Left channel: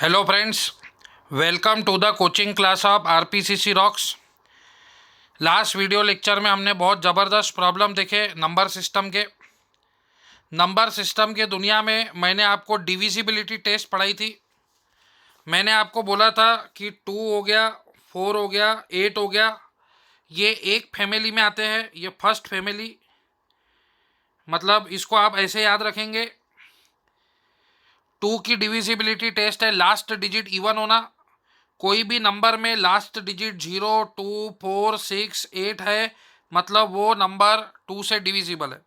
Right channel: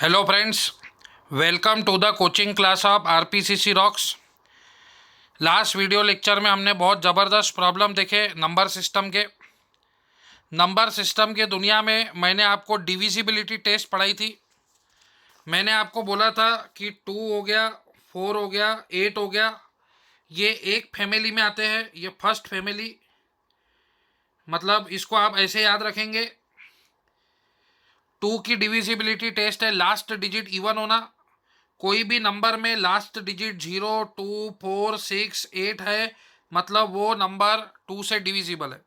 Hello friends, welcome to the coaching class of RPCC rocks. Last video lecture में हमने बहुत ज़बरदस्त problem देखे नंबर सिस्टम के। नंबर सिस्टम के दुनिया में मैंने आपको डिविजिबिलिटी टेस्ट पढ़ाई थी। मैंने आपको बोला था कि 2 हो गया, 4 हो गया, 8 हो गया, ये एक फैमिली में आते हैं। ये फर्स्ट फैमिली, मतलब इसको आप ऐसे याद रखेंगे। 2 की डिविजिबिलिटी टेस्ट है लास्ट डिजिट इवन होना। कोई भी नंबर में लास्ट डिजिट 0, 2, 4, 6, 8 है, मतलब वो नंबर 2 से डिविजिबल है।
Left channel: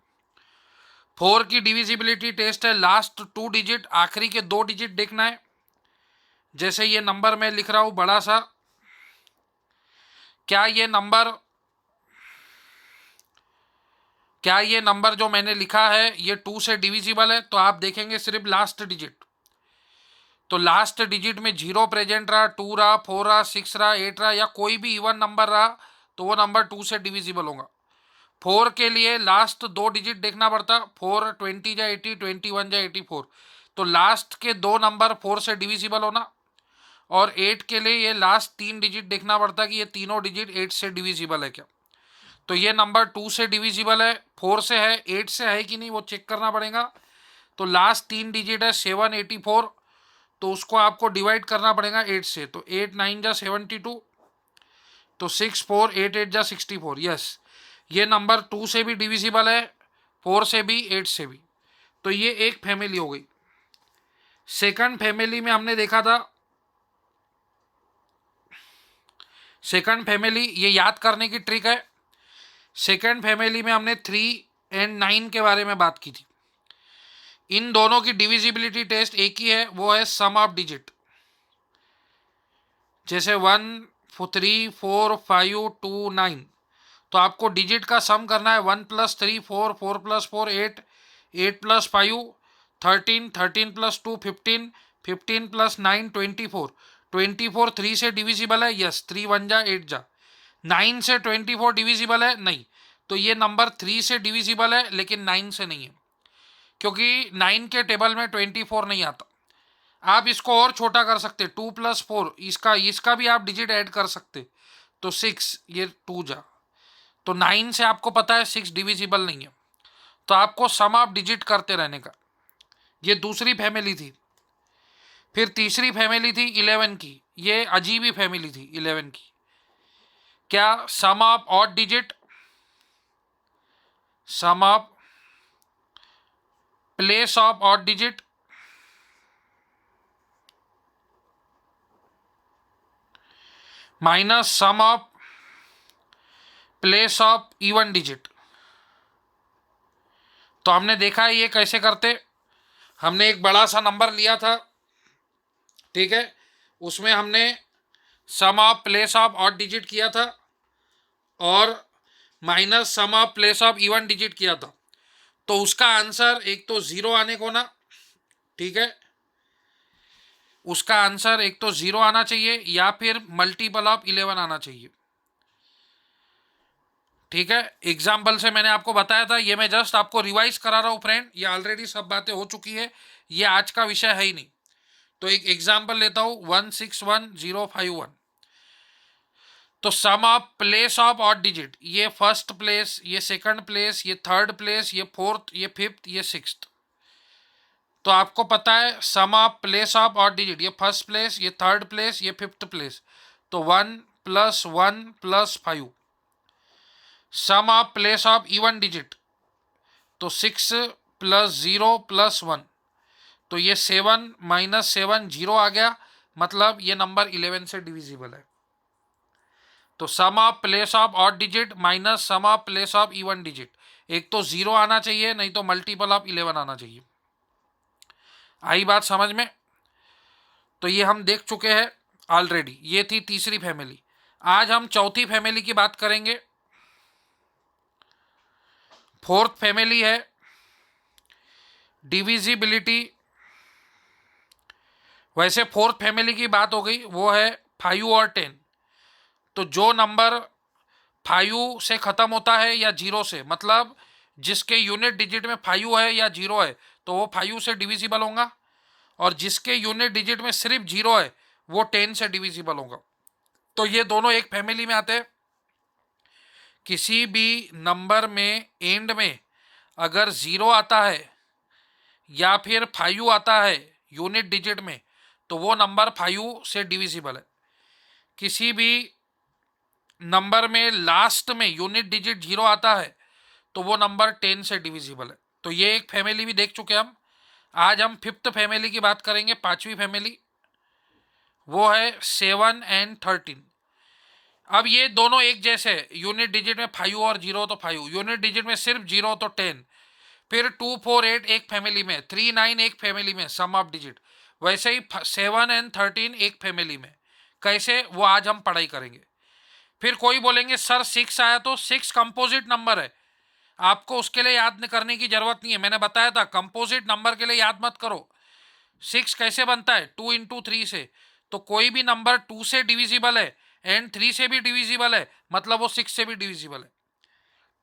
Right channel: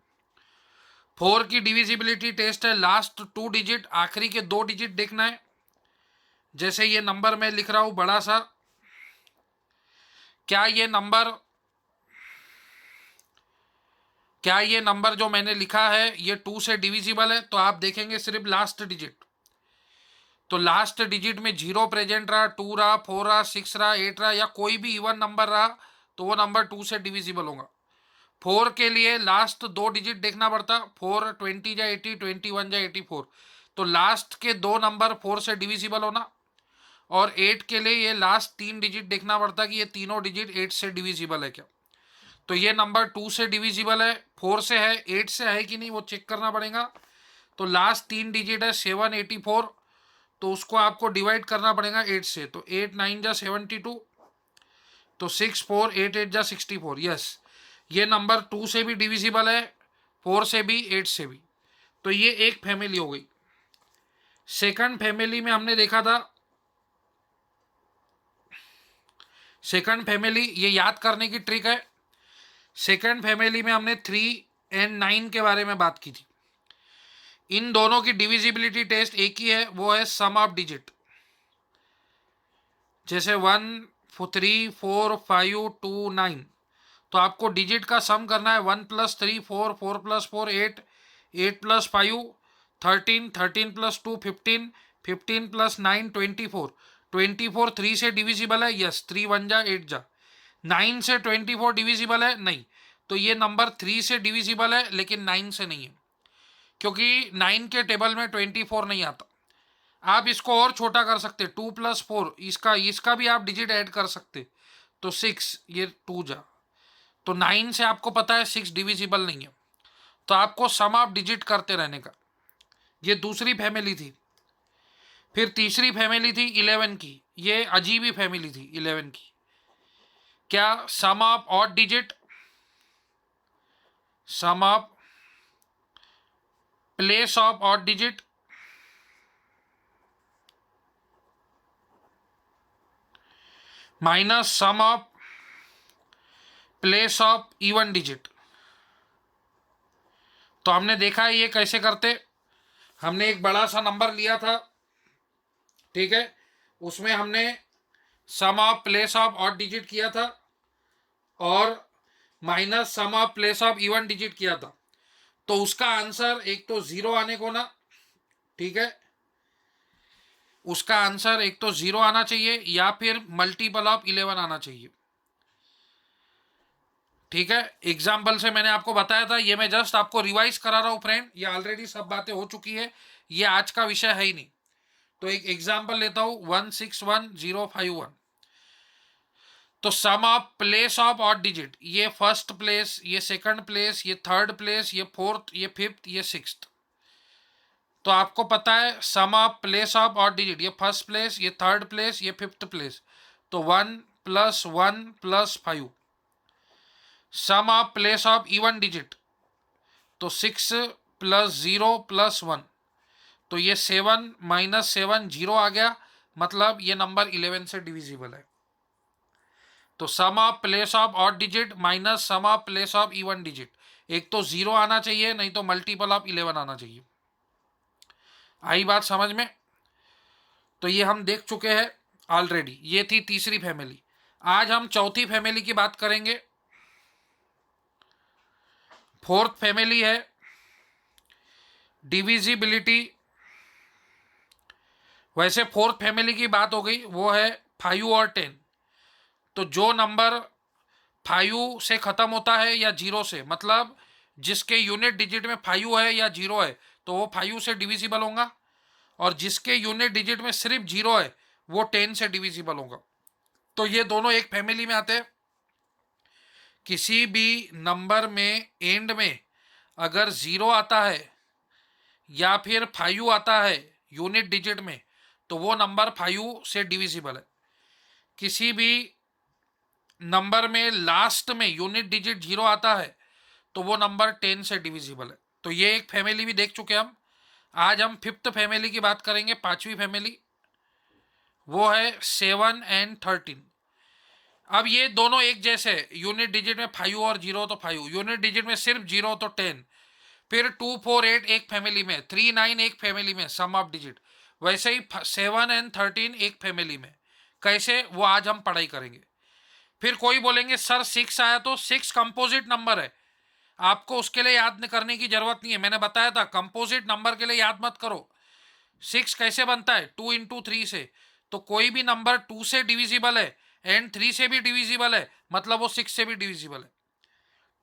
4 की डिविजिबिलिटी टेस्ट है लास्ट 2 डिजिट, आखिरी के 2 डिजिट देखना है। जैसे ये नंबर मैं लिख रहा हूँ बड़ा सा, क्या ये नंबर जो मैंने लिखा है ये 2 से डिविजिबल है? तो आप देखेंगे सिर्फ लास्ट डिजिट। तो लास्ट डिजिट में 0 प्रेजेंट रहा, 2 रहा, 4 रहा, 6 रहा, 8 रहा, या कोई भी इवन नंबर रहा तो वो नंबर 2 से डिविजिबल होगा। 4 के लिए लास्ट 2 डिजिट देखना पड़ता। 4 20 या 80, 21 या 84। तो लास्ट के 2 नंबर 4 से डिविजिबल होना। और 8 के लिए ये लास्ट 3 डिजिट देखना पड़ता कि ये तीनों डिजिट 8 से डिविजिबल है क्या। तो ये नंबर 2 से डिविजिबल है, 4 से है, 8 से है कि नहीं वो चेक करना पड़ेगा। तो लास्ट 3 डिजिट है 784, तो उसको आपको डिवाइड करना पड़ेगा 8 से। तो 8 9 जा 72, तो 6 4 8 8 जा 64। यस, ये नंबर 2 से भी डिविजिबल है, 4 से भी, 8 से भी। तो ये एक फैमिली हो गई। सेकंड फैमिली में हमने देखा था, सेकंड फैमिली ये याद करने की ट्रिक है। सेकंड फैमिली में हमने 3 एंड 9 के बारे में बात की थी। इन दोनों की डिविजिबिलिटी टेस्ट एक ही है, वो है सम ऑफ डिजिट। जैसे 1 3 4 5 2 9, तो आपको डिजिट का सम करना है। 1 + 3 4, 4 + 4 8, 8 + 5 13, 13 + 2 15, 15 + 9 24। 24 3 से डिविजिबल है, यस, 3 1 जा 8 जा। 9 से 24 डिविजिबल है नहीं, तो ये नंबर 3 से डिविजिबल है लेकिन 9 से नहीं है, क्योंकि 9 के टेबल में 24 नहीं आता। आप इसको और छोटा कर सकते, 2 + 4, इसका भी आप डिजिट ऐड कर सकते, तो 6, ये 2 जा। तो 9 से आपको पता है 6 डिविजिबल नहीं है, तो आपको सम ऑफ डिजिट करते रहने का। ये दूसरी फैमिली थी। फिर तीसरी फैमिली थी 11 की। ये अजीब ही फैमिली थी 11 की। क्या? Sum of odd digit, sum of place of odd digit, minus sum of place of even digit. तो हमने देखा है ये कैसे करते। हमने एक बड़ा सा नंबर लिया था, ठीक है, उसमें हमने sum of place of odd digit किया था और minus sum of place of even digit किया था। तो उसका आंसर एक तो 0 आने को ना, ठीक है, उसका आंसर एक तो 0 आना चाहिए या फिर मल्टीपल ऑफ 11 आना चाहिए। ठीक है, एग्जाम्पल से मैंने आपको बताया था, ये मैं जस्ट आपको रिवाइज करा रहा हूँ फ्रेंड, ये ऑलरेडी सब बातें हो चुकी है, ये आज का विषय है ही नहीं। तो एक एग्जाम्पल लेता हूँ, 161051। तो sum of place of odd digit, ये फर्स्ट प्लेस, ये सेकंड प्लेस, ये थर्ड प्लेस, ये फोर्थ, ये फिफ्थ, ये सिक्स्थ। तो आपको पता है sum of place of odd digit, ये फर्स्ट प्लेस, ये थर्ड प्लेस, ये फिफ्थ प्लेस। तो 1 + 1 + 5। Sum of place of even digit, तो 6 + 0 + 1। तो ये 7 - 7 0 आ गया, मतलब ये नंबर 11 से डिविजिबल है। तो sum of place of odd digit minus sum of place of even digit, एक तो 0 आना चाहिए, नहीं तो मल्टीपल ऑफ 11 आना चाहिए। आई बात समझ में? तो ये हम देख चुके हैं ऑलरेडी। ये थी तीसरी फैमिली। आज हम चौथी फैमिली की बात करेंगे। फोर्थ फैमिली है डिविजिबिलिटी। वैसे फोर्थ फैमिली की बात हो गई, वो है 5 और 10। तो जो नंबर 5 से ख़त्म होता है या 0 से, मतलब जिसके यूनिट डिजिट में 5 है या 0 है, तो वो 5 से डिविजिबल होगा। और जिसके यूनिट डिजिट में सिर्फ 0 है वो 10 से डिविजिबल होगा। तो ये दोनों एक फैमिली में आते हैं। किसी भी नंबर में एंड में अगर 0 आता है या फिर 5 आता है यूनिट डिजिट में, तो वो नंबर 5 से डिविजिबल है। किसी भी नंबर में लास्ट में यूनिट डिजिट 0 आता है तो वो नंबर 10 से डिविजिबल है। तो ये एक फैमिली भी देख चुके हम। आज हम फिफ्थ फैमिली की बात करेंगे, पांचवी फैमिली, वो है 7 एंड 13। अब ये दोनों एक जैसे है, यूनिट डिजिट में 5 और 0 तो 5, यूनिट डिजिट में सिर्फ 0 तो 10। फिर 2 4 8 एक फैमिली में, 3 9 एक फैमिली में सम ऑफ डिजिट। वैसे ही 7 एंड 13 एक फैमिली में। कैसे, वो आज हम पढ़ाई करेंगे। फिर कोई बोलेंगे सर 6 आया तो 6 कंपोजिट नंबर है, आपको उसके लिए याद करने की जरूरत नहीं है। मैंने बताया था कंपोजिट नंबर के लिए याद मत करो। 6 कैसे बनता है, 2 इंटू 3 से। तो कोई भी नंबर 2 से डिविजिबल है एंड 3 से भी डिविजिबल है, मतलब वो 6 से भी डिविजिबल है।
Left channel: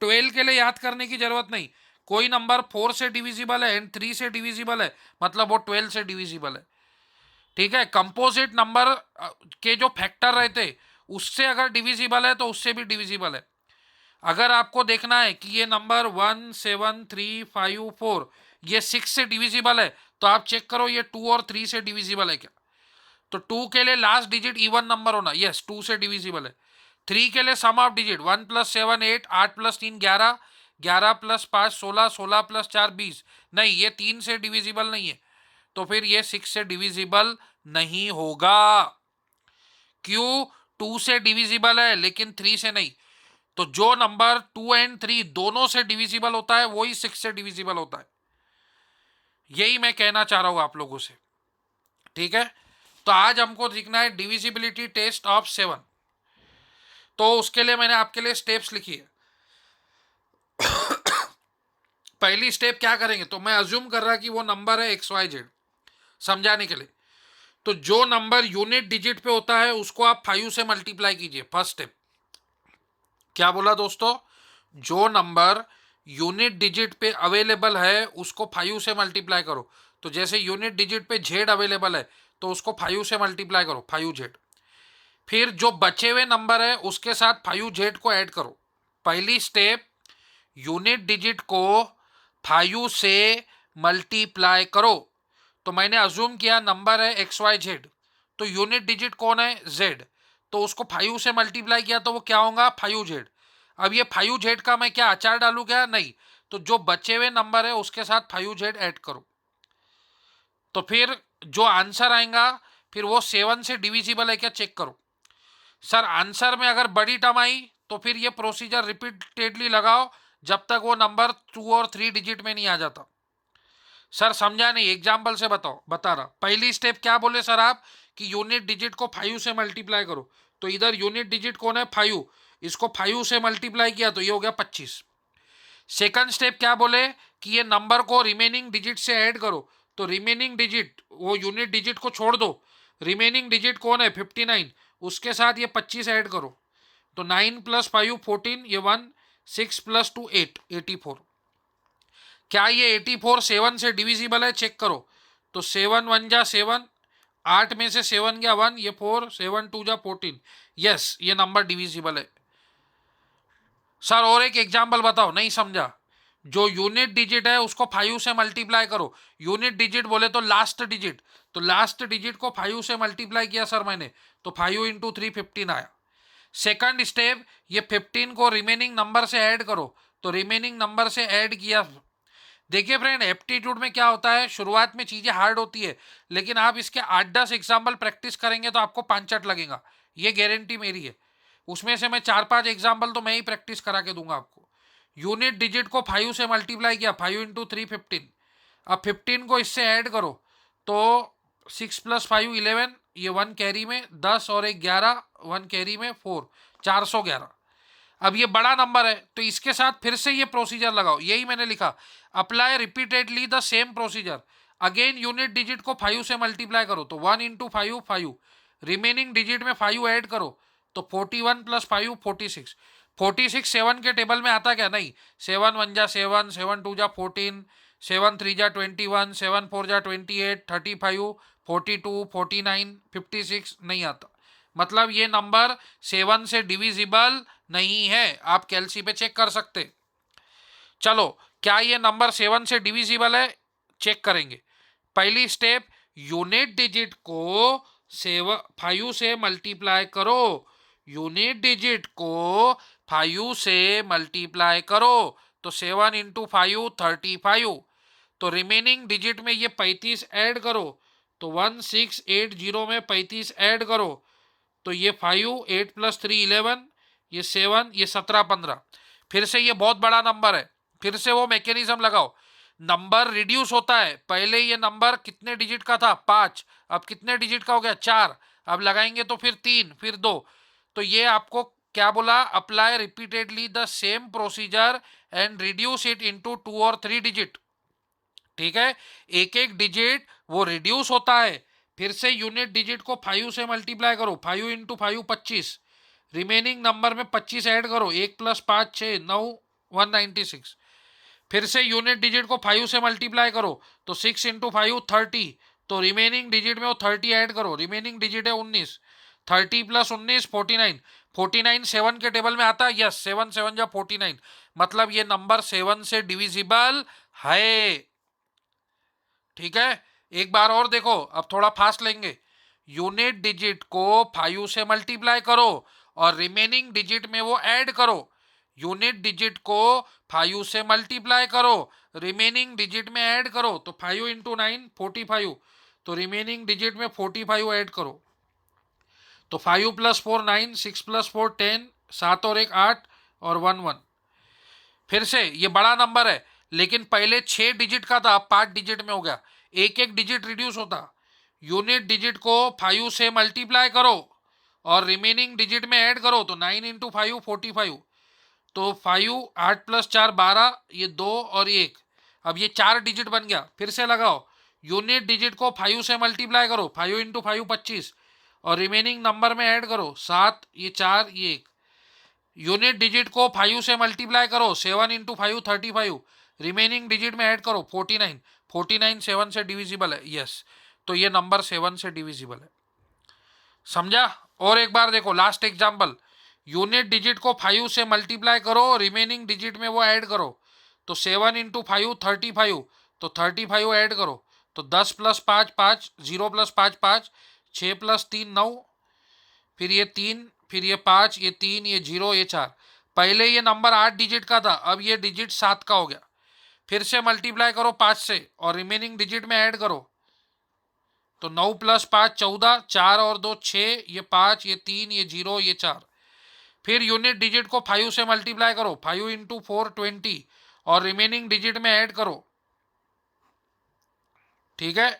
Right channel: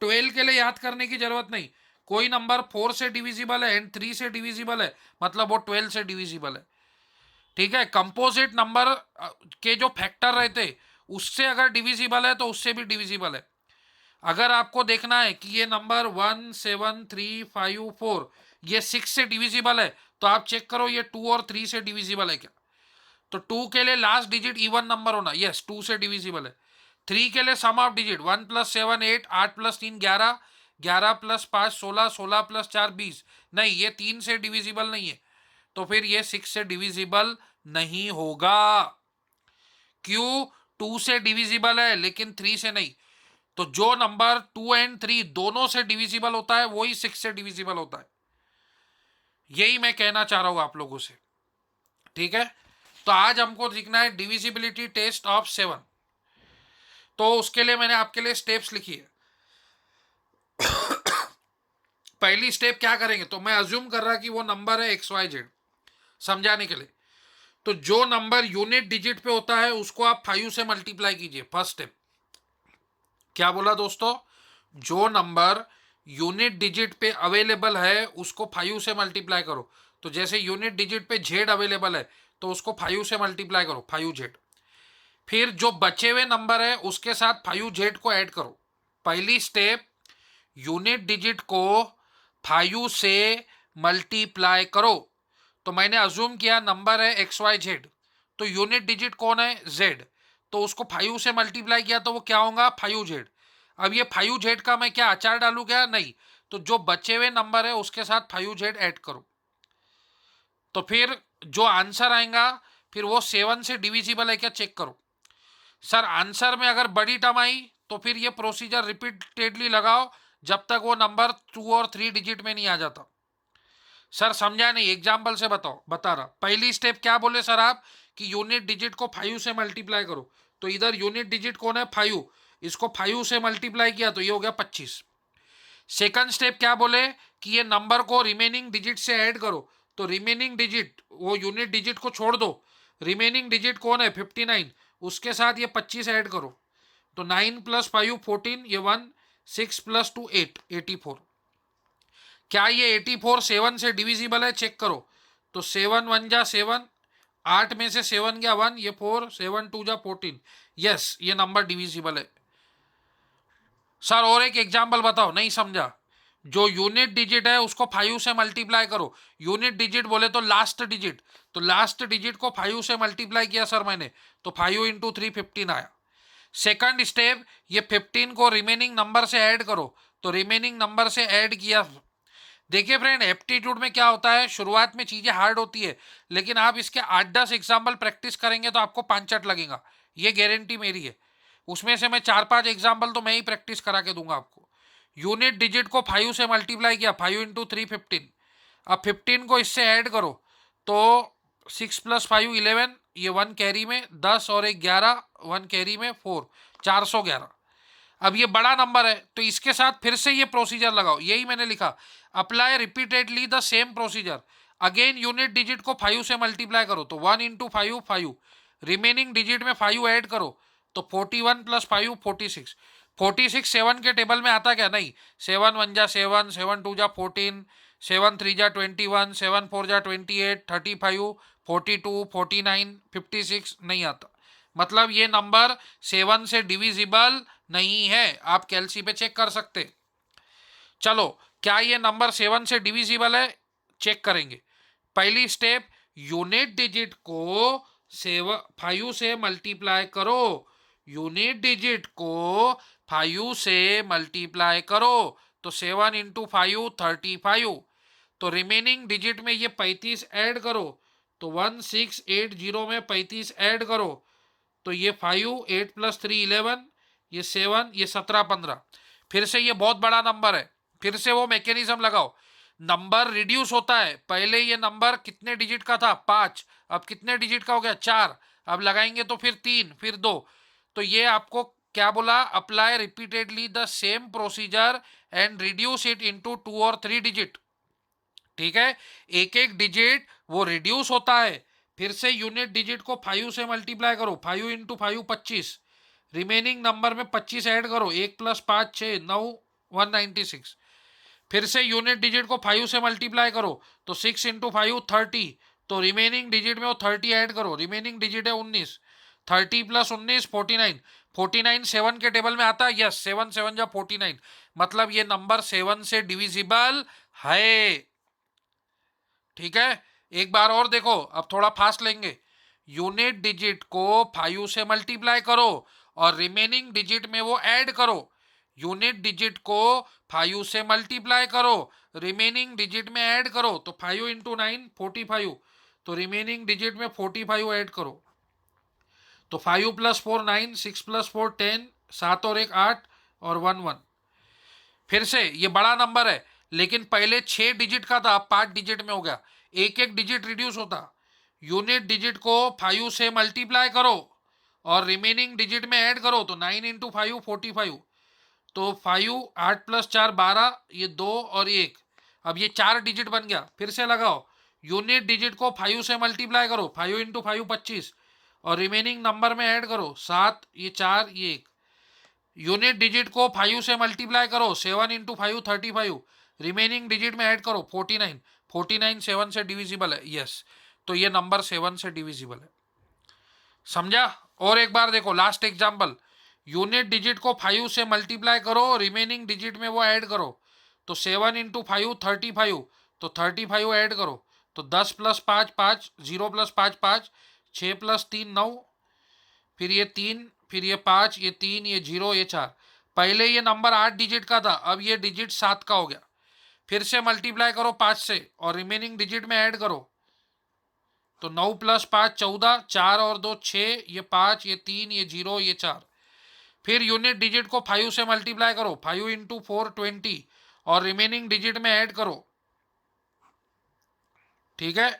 12 के लिए याद करने की जरूरत नहीं। कोई नंबर 4 से डिविजिबल है एंड 3 से डिविजिबल है, मतलब वो 12 से डिविजिबल है। ठीक है, कंपोजिट नंबर के जो फैक्टर रहते उससे अगर डिविजिबल है तो उससे भी डिविजिबल है। अगर आपको देखना है कि ये नंबर 1 7 3 5 4 ये 6 से डिविजिबल है, तो आप चेक करो ये 2 और 3 से डिविजिबल है क्या। तो 2 के लिए लास्ट डिजिट इवन नंबर होना, यस 2 से डिविजिबल है। 3 के लिए सम ऑफ डिजिट 1 + 7 8, 8 + 3 11, 11 + 5 16, 16 + 4 20। नहीं, ये 3 से डिविजिबल नहीं है, तो फिर ये 6 से डिविजिबल नहीं होगा। क्यों, 2 से डिविजिबल है लेकिन 3 से नहीं। तो जो नंबर 2 एंड 3 दोनों से डिविजिबल होता है वही 6 से डिविजिबल होता है। यही मैं कहना चाह रहा हूं आप लोगों से। ठीक है, तो आज हमको सीखना है डिविजिबिलिटी टेस्ट ऑफ 7। तो उसके लिए मैंने आपके लिए स्टेप्स लिखी है। पहली स्टेप क्या करेंगे, तो मैं अज्यूम कर रहा कि वो नंबर है XYZ, समझाने के लिए। तो जो नंबर यूनिट डिजिट पे होता है उसको आप 5 से मल्टीप्लाई कीजिए। फर्स्ट स्टेप क्या बोला दोस्तों, जो नंबर यूनिट डिजिट पे अवेलेबल है उसको 5 से मल्टीप्लाई करो। तो जैसे यूनिट डिजिट पे Z अवेलेबल है तो उसको 5 से मल्टीप्लाई करो, 5Z। फिर जो बचे हुए नंबर है उसके साथ 5Z को ऐड करो। पहली स्टेप, यूनिट डिजिट को 5 से मल्टीप्लाई करो। तो मैंने अज्यूम किया नंबर है XYZ, तो यूनिट डिजिट कौन है, Z, तो उसको 5 से मल्टीप्लाई किया तो वो क्या होगा, 5Z। अब ये 5Z का मैं क्या अचार डालू क्या, नहीं। तो जो बचे हुए नंबर है उसके साथ 5Z ऐड करो। तो फिर जो आंसर आएगा फिर वो 7 से डिविजिबल है क्या चेक करो। सर आंसर में अगर बड़ी टर्म आई तो फिर ये प्रोसीजर रिपीटेडली लगाओ जब तक वो नंबर 2 और 3 डिजिट में नहीं आ जाता। सर समझा नहीं, एग्जाम्पल से बताओ, बता रहा। पहली स्टेप क्या बोले सर आप, कि यूनिट डिजिट को 5 से मल्टीप्लाई करो। तो इधर यूनिट डिजिट कौन है, 5, इसको 5 से मल्टीप्लाई किया तो ये हो गया 25। सेकंड स्टेप क्या बोले, कि ये नंबर को रिमेनिंग डिजिट से ऐड करो। तो रिमेनिंग डिजिट, वो यूनिट डिजिट को छोड़ दो, रिमेनिंग डिजिट कौन है 59, उसके साथ ये 25 ऐड करो। तो 9 + 5 14, ये 1, 6 + 2 8, 84। क्या ये 84 7 से डिविजिबल है चेक करो। तो 7 1 जा 7, 8 में से 7 गया 1, ये 4, 7 2 जा 14। यस, ये नंबर डिविजिबल है। सर और एक एग्जाम्पल बताओ, नहीं समझा। जो यूनिट डिजिट है उसको 5 से मल्टीप्लाई करो। यूनिट डिजिट बोले तो लास्ट डिजिट, तो लास्ट डिजिट को 5 से मल्टीप्लाई किया सर मैंने, तो 5 इंटू 3 15 आया। सेकंड स्टेप, ये 15 को रिमेनिंग नंबर से ऐड करो। तो रिमेनिंग नंबर से ऐड किया। देखिए फ्रेंड, एप्टीट्यूड में क्या होता है, शुरुआत में चीजें हार्ड होती है, लेकिन आप इसके 8-10 एग्जाम्पल प्रैक्टिस करेंगे तो आपको पांचट लगेगा, ये गारंटी मेरी है। उसमें से मैं 4-5 एग्जाम्पल तो मैं ही प्रैक्टिस करा के दूंगा आपको। यूनिट डिजिट को 5 से मल्टीप्लाई किया, 5 इंटू 3 15। अब 15 को इससे ऐड करो, तो 6 + 5 11, ये 1 कैरी में 10 और 1 11, 1 कैरी में 4, 411। अब ये बड़ा नंबर है तो इसके साथ फिर से ये प्रोसीजर लगाओ, यही मैंने लिखा, apply repeatedly the same procedure. Again unit digit को 5 से मल्टीप्लाई करो, तो 1 इंटू 5 5, रिमेनिंग डिजिट में 5 ऐड करो, तो 41 + 5 46। 46 7 के टेबल में आता क्या, नहीं। 7 1 जा 7, 7 2 जा 14, 7 3 जा 21, 7 4 जा 28, 35, 42, 49, 56 नहीं आता। मतलब ये नंबर 7 से डिविजिबल नहीं है। आप कैलसी पे चेक कर सकते। चलो, क्या ये नंबर 7 से डिविजिबल है, चेक करेंगे। पहली स्टेप, यूनिट डिजिट को 5 से मल्टीप्लाई करो। यूनिट डिजिट को 5 से मल्टीप्लाई करो तो 7 इंटू 5 35। तो रिमेनिंग डिजिट में ये 35 ऐड करो तो 1680 में 35 ऐड करो तो ये 5, 8 + 3 11, ये 7, ये 17 15। फिर से ये बहुत बड़ा नंबर है, फिर से वो मैकेनिज्म लगाओ। नंबर रिड्यूस होता है। पहले ये नंबर कितने डिजिट का था, 5, अब कितने डिजिट का हो गया, 4। अब लगाएंगे तो फिर 3, फिर 2। तो ये आपको क्या बोला, apply repeatedly the same procedure and reduce it into 2 और 3 डिजिट। ठीक है, एक एक डिजिट वो रिड्यूस होता है। फिर से यूनिट डिजिट को 5 से मल्टीप्लाई करो, 5 इंटू 5 25। रिमेनिंग नंबर में 25 ऐड करो, 1 + 5 6 9 196। फिर से यूनिट डिजिट को 5 से मल्टीप्लाई करो तो 6 इंटू 5 30। तो रिमेनिंग डिजिट में वो 30 ऐड करो, रिमेनिंग डिजिट है 19। 30 + 19 49। 49 7 के टेबल में आता है, यस, 7 7 जा 49। मतलब ये नंबर 7 से डिविजिबल है। ठीक है, एक बार और देखो, अब थोड़ा फास्ट लेंगे। यूनिट डिजिट को 5 से मल्टीप्लाई करो और रिमेनिंग डिजिट में वो ऐड करो। यूनिट डिजिट को 5 से मल्टीप्लाई करो, रिमेनिंग डिजिट में ऐड करो तो 5 इंटू 9 45। तो रिमेनिंग डिजिट में 45 ऐड करो तो 5 + 4 9, 6 + 4 10, 7 और 1 8 और 1 1। फिर से ये बड़ा नंबर है, लेकिन पहले 6 डिजिट का था, अब 5 डिजिट में हो गया। एक एक डिजिट रिड्यूस होता। यूनिट डिजिट को 5 से मल्टीप्लाई करो और रिमेनिंग डिजिट में ऐड करो तो 9 इंटू 5 45। तो 5 8 + 4 12, ये 2 और 1। अब ये 4 डिजिट बन गया। फिर से लगाओ, यूनिट डिजिट को 5 से मल्टीप्लाई करो, 5 इंटू 5 25 और रिमेनिंग नंबर में ऐड करो 7, ये 4, ये 1। यूनिट डिजिट को 5 से मल्टीप्लाई करो, 7 इंटू 5 35। रिमेनिंग डिजिट में ऐड करो 49। 49 7 से डिविजिबल है, यस। तो ये नंबर 7 से डिविजिबल है। समझा? और एक बार देखो, लास्ट एग्जांपल। यूनिट डिजिट को 5 से मल्टीप्लाई करो, रिमेनिंग डिजिट में वो ऐड करो तो 7 इंटू 5 35। तो 35 ऐड करो तो 10 + 5 5, 0 + 5 5, 6 + 3 9, फिर ये 3, फिर ये 5, ये 3, ये 0, ये 4। पहले ये नंबर 8 डिजिट का था, अब ये डिजिट 7 का हो गया। फिर से मल्टीप्लाई करो 5 से और रिमेनिंग डिजिट में ऐड करो तो 9 + 5 14, 4 और 2 6, ये 5, ये 3, ये 0, ये 4। फिर यूनिट डिजिट को 5 से मल्टीप्लाई करो, 5 इंटू 4 20 और रिमेनिंग डिजिट में ऐड करो। ठीक है,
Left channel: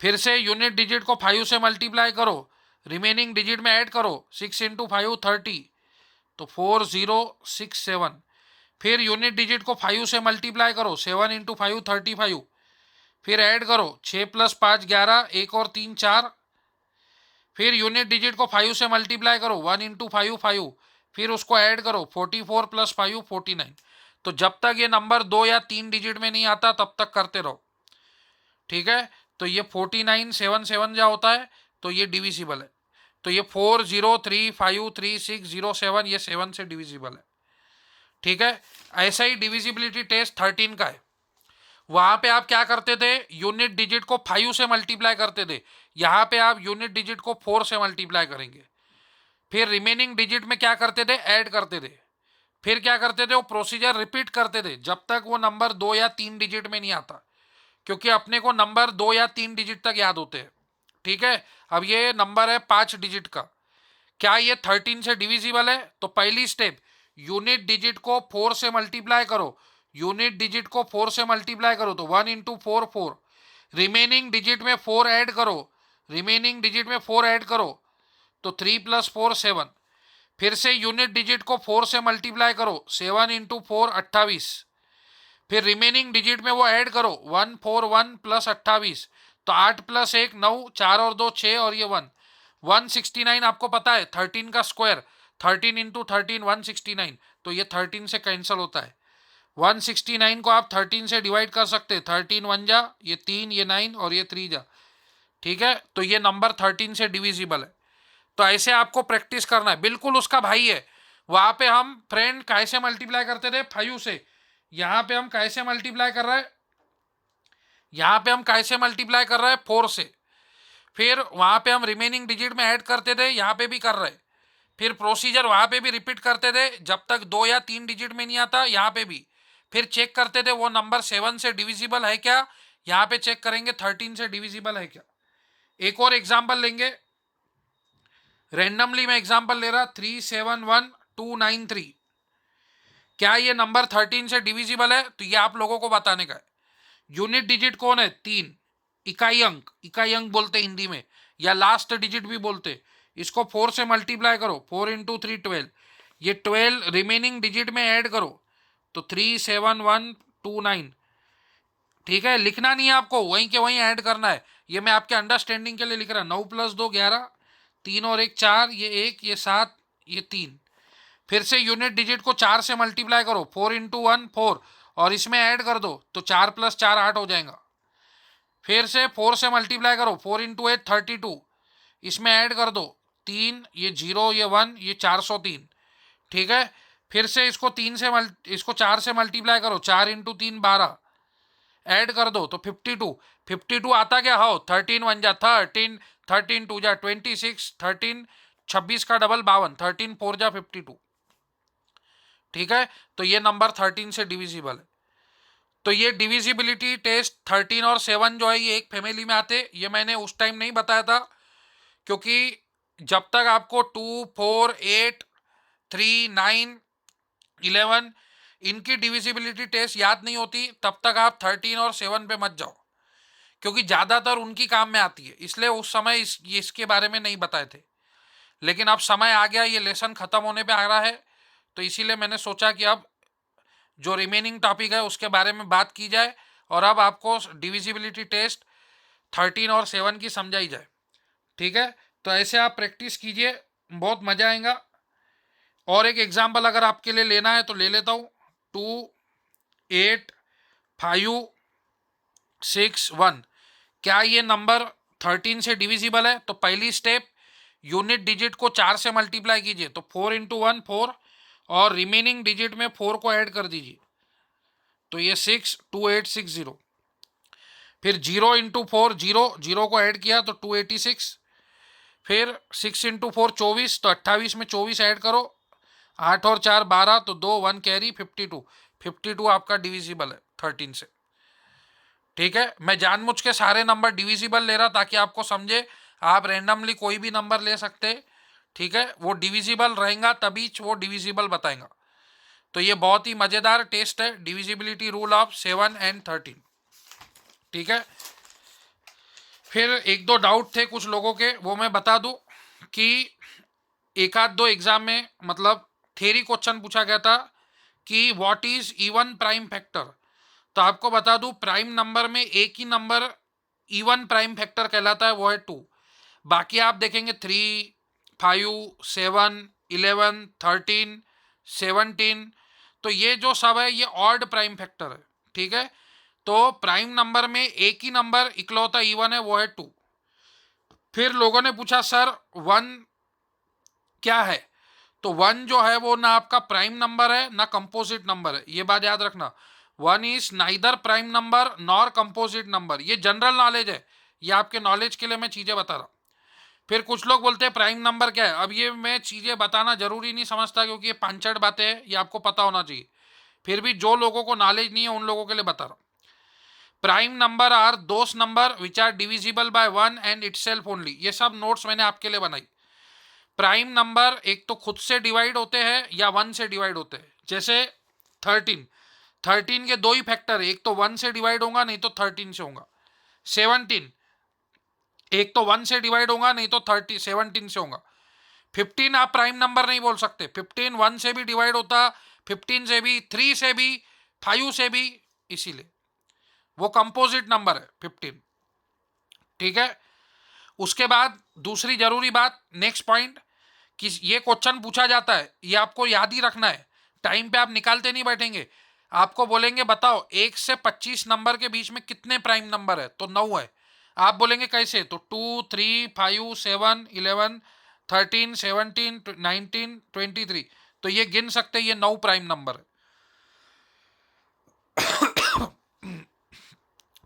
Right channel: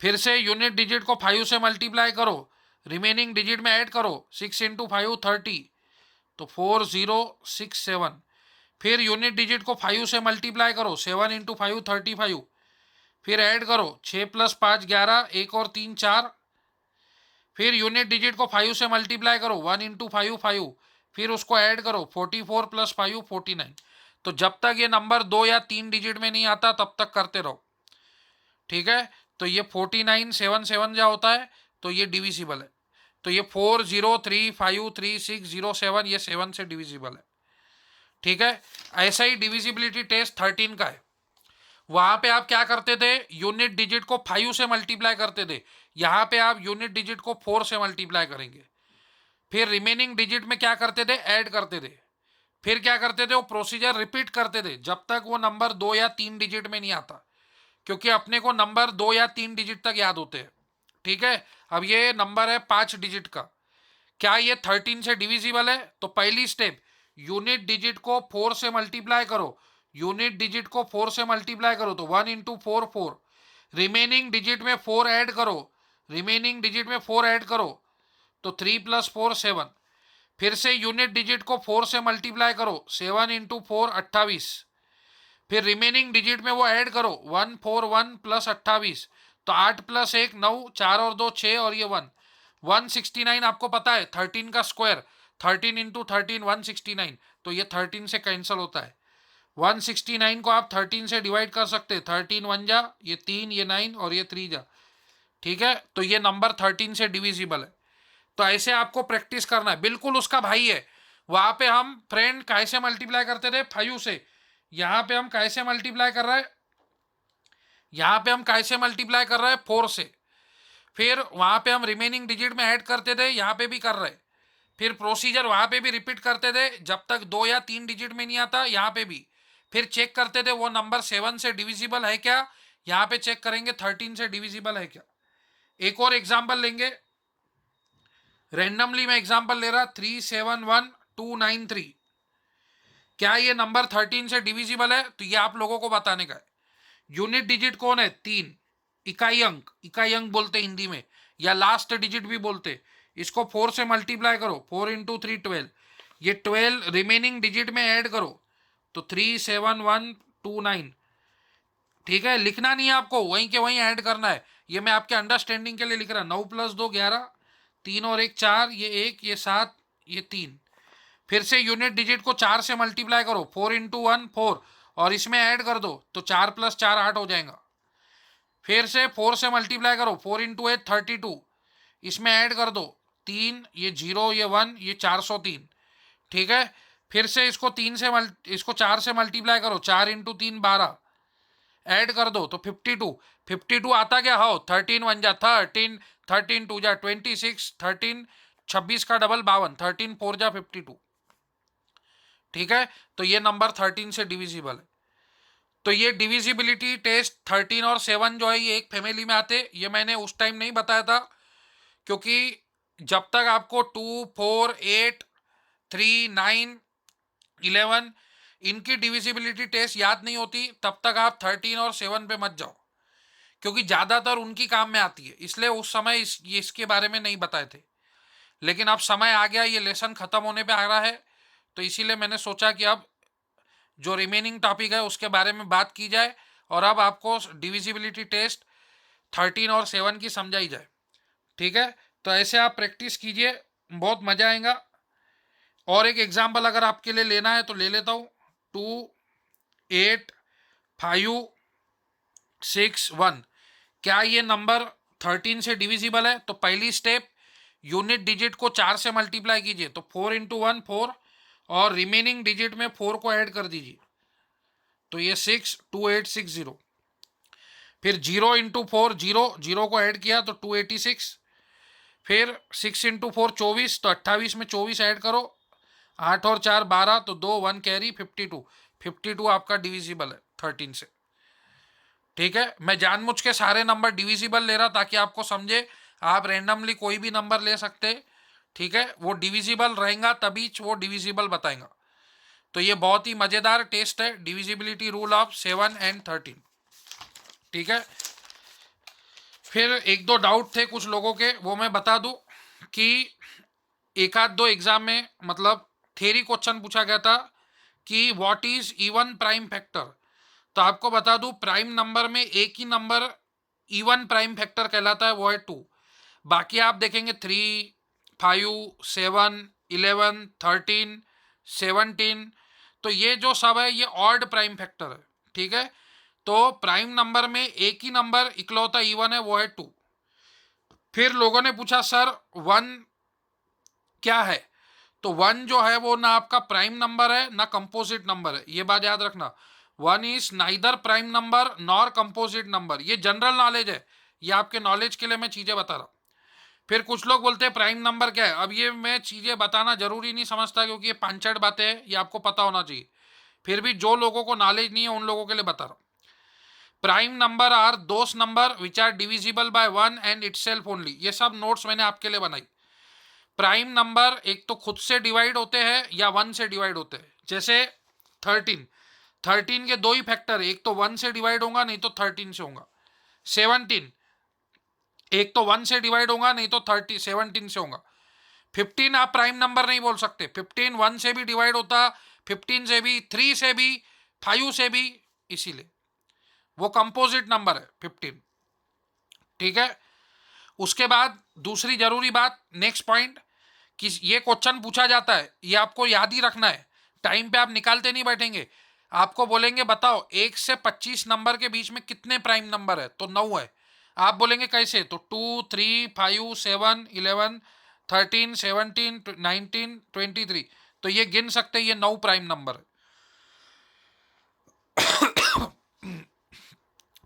फिर से यूनिट डिजिट को 5 से मल्टीप्लाई करो, रिमेनिंग डिजिट में ऐड करो 6 इंटू 5 30। तो 4 0 6 7। फिर यूनिट डिजिट को 5 से मल्टीप्लाई करो, 7 इंटू 5 35। फिर ऐड करो 6 + 5 11, 1 और 3 4। फिर यूनिट डिजिट को 5 से मल्टीप्लाई करो, 1 इंटू 5 5। फिर उसको ऐड करो 44 + 5 49। तो जब तक ये नंबर 2 या 3 डिजिट में नहीं आता तब तक करते रहो। ठीक है, तो ये 49 7 7 जा होता है तो ये डिविजिबल है। तो ये 4 0 3 5 3 6 0 7, ये 7 से डिविजिबल है। ठीक है, ऐसा ही डिविजिबिलिटी टेस्ट 13 का है। वहां पे आप क्या करते थे, यूनिट डिजिट को 5 से मल्टीप्लाई करते थे। यहां पे आप यूनिट डिजिट को 4 से मल्टीप्लाई करेंगे। फिर रिमेनिंग डिजिट में क्या करते थे, ऐड करते थे। फिर क्या करते थे, वो प्रोसीजर रिपीट करते थे जब तक वो नंबर 2 या 3 डिजिट में नहीं आता, क्योंकि अपने को नंबर 2 या 3 डिजिट तक याद होते हैं। ठीक है, अब ये नंबर है 5 डिजिट का। क्या ये 13 से डिविजिबल है? तो पहली स्टेप, यूनिट डिजिट को 4 से मल्टीप्लाई करो। यूनिट डिजिट को 4 से मल्टीप्लाई करो तो 1 इंटू 4 4। रिमेनिंग डिजिट में 4 ऐड करो, रिमेनिंग डिजिट में 4 ऐड करो तो 3 + 4 7। फिर से यूनिट डिजिट को 4 से मल्टीप्लाई करो, 7 इंटू 4 28। फिर रिमेनिंग डिजिट में वो ऐड करो 1 4 1 + 28। तो 8 + 1 9, 4 और 2 6 और ये 1 169। आपको पता है 13 का स्क्वायर 13 इंटू 13 169। तो ये 13 से कैंसिल होता है। 169 को आप 13 से डिवाइड कर सकते, 13 वन जा, ये 3, ये 9 और ये 3 जा, ठीक है। तो ये नंबर 13 से डिविजिबल है। तो ऐसे आपको प्रैक्टिस करना है, बिल्कुल उसका भाई है। वहां पे हम फ्रेंड कैसे मल्टीप्लाई करते थे 5 से, यहाँ पे हम कैसे मल्टीप्लाई कर रहे हैं, यहाँ पे हम कैसे मल्टीप्लाई कर रहे हैं 4 से। फिर वहां पे हम रिमेनिंग डिजिट में ऐड करते थे, यहाँ पे भी कर रहे। फिर प्रोसीजर वहां पे भी रिपीट करते थे जब तक 2 या 3 डिजिट में नहीं आता, यहाँ पे भी। फिर चेक करते थे वो नंबर 7 से डिविजिबल है क्या, यहाँ पे चेक करेंगे 13 से डिविजिबल है क्या। एक और एग्जाम्पल लेंगे, रेंडमली मैं एग्जाम्पल ले रहा, 371293। क्या ये नंबर 13 से डिविजिबल है, तो ये आप लोगों को बताने का है। यूनिट डिजिट कौन है, 3, इकाई अंक बोलते हिंदी में, या लास्ट डिजिट भी बोलते। इसको 4 से मल्टीप्लाई करो, 4 इंटू 3 12, ये 12 रिमेनिंग डिजिट में ऐड करो तो 37129, ठीक है। लिखना नहीं है आपको, वहीं के वहीं ऐड करना है, ये मैं आपके अंडरस्टैंडिंग के लिए लिख रहा। 9 + 2 11, 3 और 1 4, ये 1, ये 7, ये 3। फिर से यूनिट डिजिट को 4 से मल्टीप्लाई करो, 4 इंटू 1 4, और इसमें ऐड कर दो तो 4 + 4 8 हो जाएगा। फिर से 4 से मल्टीप्लाई करो, 4 इंटू 8 32, इसमें ऐड कर दो 3, ये 0, ये 1, ये 403, ठीक है। फिर से इसको 4 से मल्टीप्लाई करो, 4 इंटू 3 12, ऐड कर दो तो 52। 52 आता क्या, हो 13 1 जा 13, 13 2 जा 26, 13 26 का डबल 52, 13 4 जा 52, ठीक है। तो ये नंबर 13 से डिविजिबल है। तो ये डिविजिबिलिटी टेस्ट 13 और 7 जो है ये एक फैमिली में आते, ये मैंने उस टाइम नहीं बताया था, क्योंकि जब तक आपको 2 4 8 3 9 11 इनकी डिविजिबिलिटी टेस्ट याद नहीं होती, तब तक आप 13 और 7 पे मत जाओ, क्योंकि ज़्यादातर उनकी काम में आती है, इसलिए उस समय इसके बारे में नहीं बताए थे। लेकिन अब समय आ गया, ये लेसन ख़त्म होने पे आ रहा है, तो इसीलिए मैंने सोचा कि अब जो रिमेनिंग टॉपिक है उसके बारे में बात की जाए, और अब आपको डिविजिबिलिटी टेस्ट 13 और 7 की समझाई जाए, ठीक है। तो ऐसे आप प्रैक्टिस कीजिए, बहुत मज़ा आएगा। और एक एग्जाम्पल अगर आपके लिए लेना है तो ले लेता हूँ, 2 8 5 6 1। क्या ये नंबर 13 से डिविजिबल है, तो पहली स्टेप यूनिट डिजिट को 4 से मल्टीप्लाई कीजिए, तो 4 इंटू 1 4, और रिमेनिंग डिजिट में 4 को ऐड कर दीजिए, तो ये 6 2860। फिर 0 इंटू 4 0, 0 को ऐड किया तो 286। फिर 6 इंटू 4 24, तो 28 में 24 ऐड करो, 8 और 4 12, तो 2 1 कैरी 52। 52 आपका डिविजिबल है 13 से, ठीक है। मैं जानबूझ के सारे नंबर डिविजिबल ले रहा ताकि आपको समझे, आप रैंडमली कोई भी नंबर ले सकते, ठीक है। वो डिविजिबल रहेगा तभी वो डिविजिबल बताएगा। तो ये बहुत ही मज़ेदार टेस्ट है, डिविजिबिलिटी रूल ऑफ 7 एंड 13, ठीक है। फिर एक दो डाउट थे कुछ लोगों के, वो मैं बता दूं कि एक आध दो एग्जाम में मतलब थ्योरी क्वेश्चन पूछा गया था कि what is even prime factor. तो आपको बता दूं, प्राइम नंबर में एक ही नंबर इवन प्राइम फैक्टर कहलाता है, वो है 2। बाकी आप देखेंगे 3 5 7 11 13 17, तो ये जो सब है ये ऑड प्राइम फैक्टर है, ठीक है। तो प्राइम नंबर में एक ही नंबर इकलौता इवन है, वो है 2। फिर लोगों ने पूछा सर 1 क्या है, तो 1 जो है वो ना आपका प्राइम नंबर है ना कंपोजिट नंबर है, ये बात याद रखना। 1 is neither prime number nor composite number, ये जनरल नॉलेज है, ये आपके नॉलेज के लिए मैं चीज़ें बता रहा हूँ। फिर कुछ लोग बोलते हैं प्राइम नंबर क्या है, अब ये मैं चीज़ें बताना जरूरी नहीं समझता, क्योंकि ये पांचड़ बातें हैं, ये आपको पता होना चाहिए। फिर भी जो लोगों को नॉलेज नहीं है उन लोगों के लिए बता रहा हूँ। Prime number are those number which are divisible by 1 and itself only, ये सब नोट्स मैंने आपके लिए बनाई। प्राइम नंबर एक तो खुद से डिवाइड होते हैं या 1 से डिवाइड होते हैं, जैसे 13 के दो ही फैक्टर है, एक तो 1 से डिवाइड होगा नहीं तो 13 से होगा। 17 एक तो 1 से डिवाइड होगा नहीं तो 17 से होगा। 15 आप प्राइम नंबर नहीं बोल सकते, 15 1 से भी डिवाइड होता, 15 से भी, 3 से भी, 5 से भी, इसीलिए वो कंपोजिट नंबर है 15, ठीक है। उसके बाद दूसरी जरूरी बात, नेक्स्ट पॉइंट, कि ये क्वेश्चन पूछा जाता है, ये आपको याद ही रखना है, टाइम पे आप निकालते नहीं बैठेंगे। आपको बोलेंगे बताओ 1 से 25 नंबर के बीच में कितने प्राइम नंबर है, तो 9 है। आप बोलेंगे कैसे, तो 2 3 5 7 11 13 17 19 23, तो ये गिन सकते हैं, ये 9 प्राइम नंबर है।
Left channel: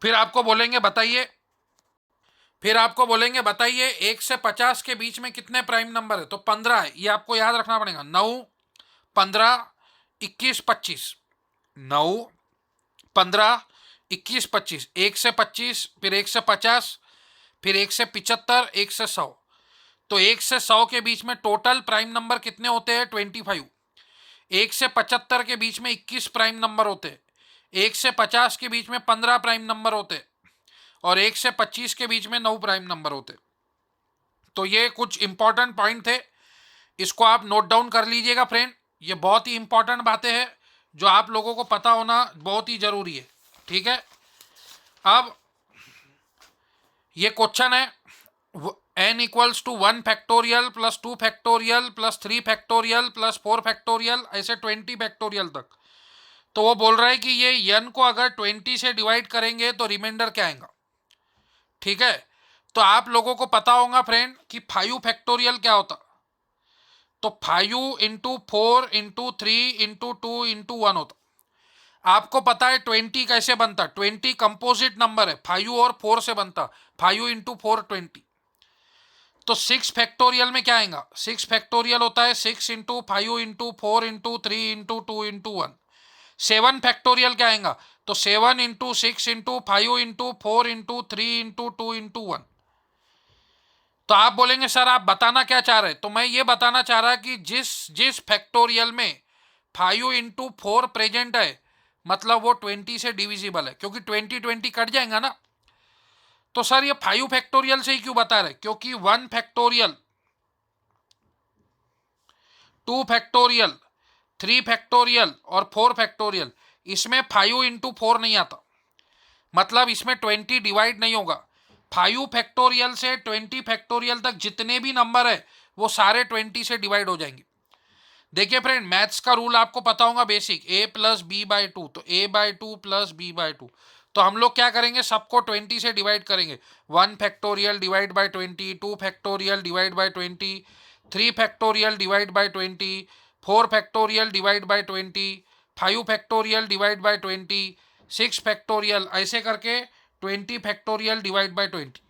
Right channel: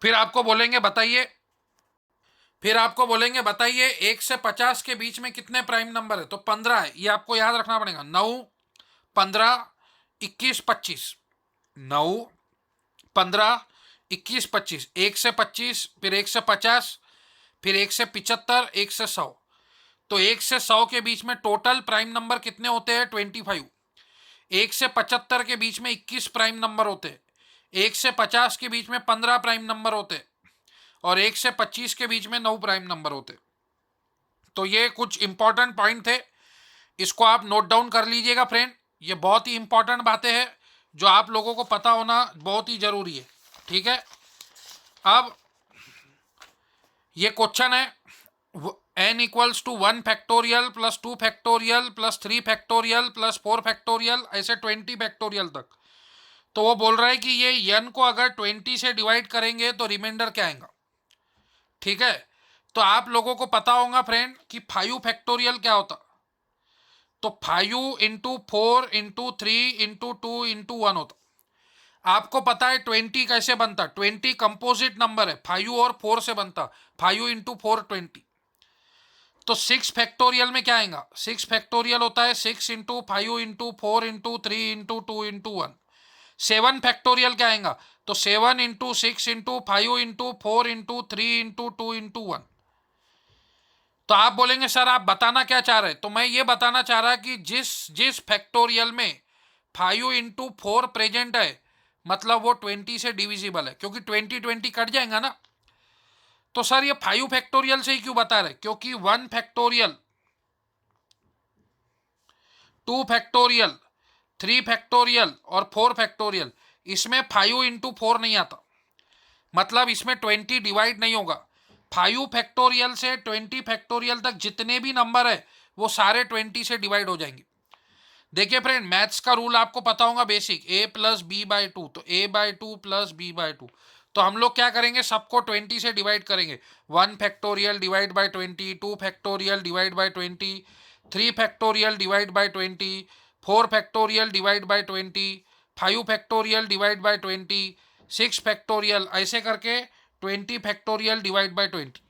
फिर आपको बोलेंगे बताइए, फिर आपको बोलेंगे बताइए 1 से 50 के बीच में कितने प्राइम नंबर है, तो 15 है। ये आपको याद रखना पड़ेगा, 9 15 21 25, 9 15 21 25, 1 से 25, फिर 1 से 50, फिर 1 से 75, 1 से 100, तो 1 से 100 के बीच में टोटल प्राइम नंबर कितने होते हैं, 25। 1 से 75 के बीच में 21 प्राइम नंबर होते हैं। 1 से 50 के बीच में 15 प्राइम नंबर होते हैं, और 1 से 25 के बीच में 9 प्राइम नंबर होते। तो ये कुछ इंपॉर्टेंट पॉइंट थे, इसको आप नोट डाउन कर लीजिएगा फ्रेंड। ये बहुत ही इंपॉर्टेंट बातें हैं जो आप लोगों को पता होना बहुत ही जरूरी है, ठीक है। अब ये क्वेश्चन है, n equals to 1 factorial plus 2 factorial plus 3 factorial plus 4 factorial, ऐसे 20 फैक्टोरियल तक। तो वो बोल रहा है कि ये n को अगर 20 से डिवाइड करेंगे तो रिमाइंडर क्या आएगा, ठीक है। तो आप लोगों को पता होगा फ्रेंड कि 5 फैक्टोरियल क्या होता, तो 5 इंटू 4 इंटू 3 इंटू 2 इंटू 1 होता। आपको पता है 20 कैसे बनता, 20 कंपोजिट नंबर है, 5 और 4 से बनता, 5 इंटू 4 20। तो 6 फैक्टोरियल में क्या आएगा, 6 फैक्टोरियल होता है 6 into 5 into 4 into 3 into 2 into 1। 7 factorial क्या आएगा, तो 7 into 6 into 5 into 4 into 3 into 2 into 1। तो आप बोलेंगे सर आप बताना क्या चाह रहे हैं, तो मैं ये बताना चाह रहा कि जिस जिस फैक्टोरियल में 5 इंटू 4 प्रेजेंट है, मतलब वो 20 से डिविजिबल है, क्योंकि 20 कट जाएगा ना। तो सर ये 5 फैक्टोरियल से ही क्यों बता रहे, क्योंकि 1 फैक्टोरियल 2 फैक्टोरियल 3 फैक्टोरियल और 4 फैक्टोरियल, इसमें 5 इंटू 4 नहीं आता, मतलब इसमें 20 डिवाइड नहीं होगा। 5 फैक्टोरियल से 20 फैक्टोरियल तक जितने भी नंबर है वो सारे 20 से डिवाइड हो जाएंगे। देखिए फ्रेंड, मैथ्स का रूल आपको पता होगा basic, a plus B by two, तो a by two plus B by two. तो हम लोग क्या करेंगे, सबको 20 से डिवाइड करेंगे। 1 factorial divide by 20, 2 factorial divide by 20, 3 factorial divide by 20, 4 factorial divide by 20, 5 factorial divide by 20, 6 factorial, ऐसे करके 20 फैक्टोरियल डिवाइड बाई 20।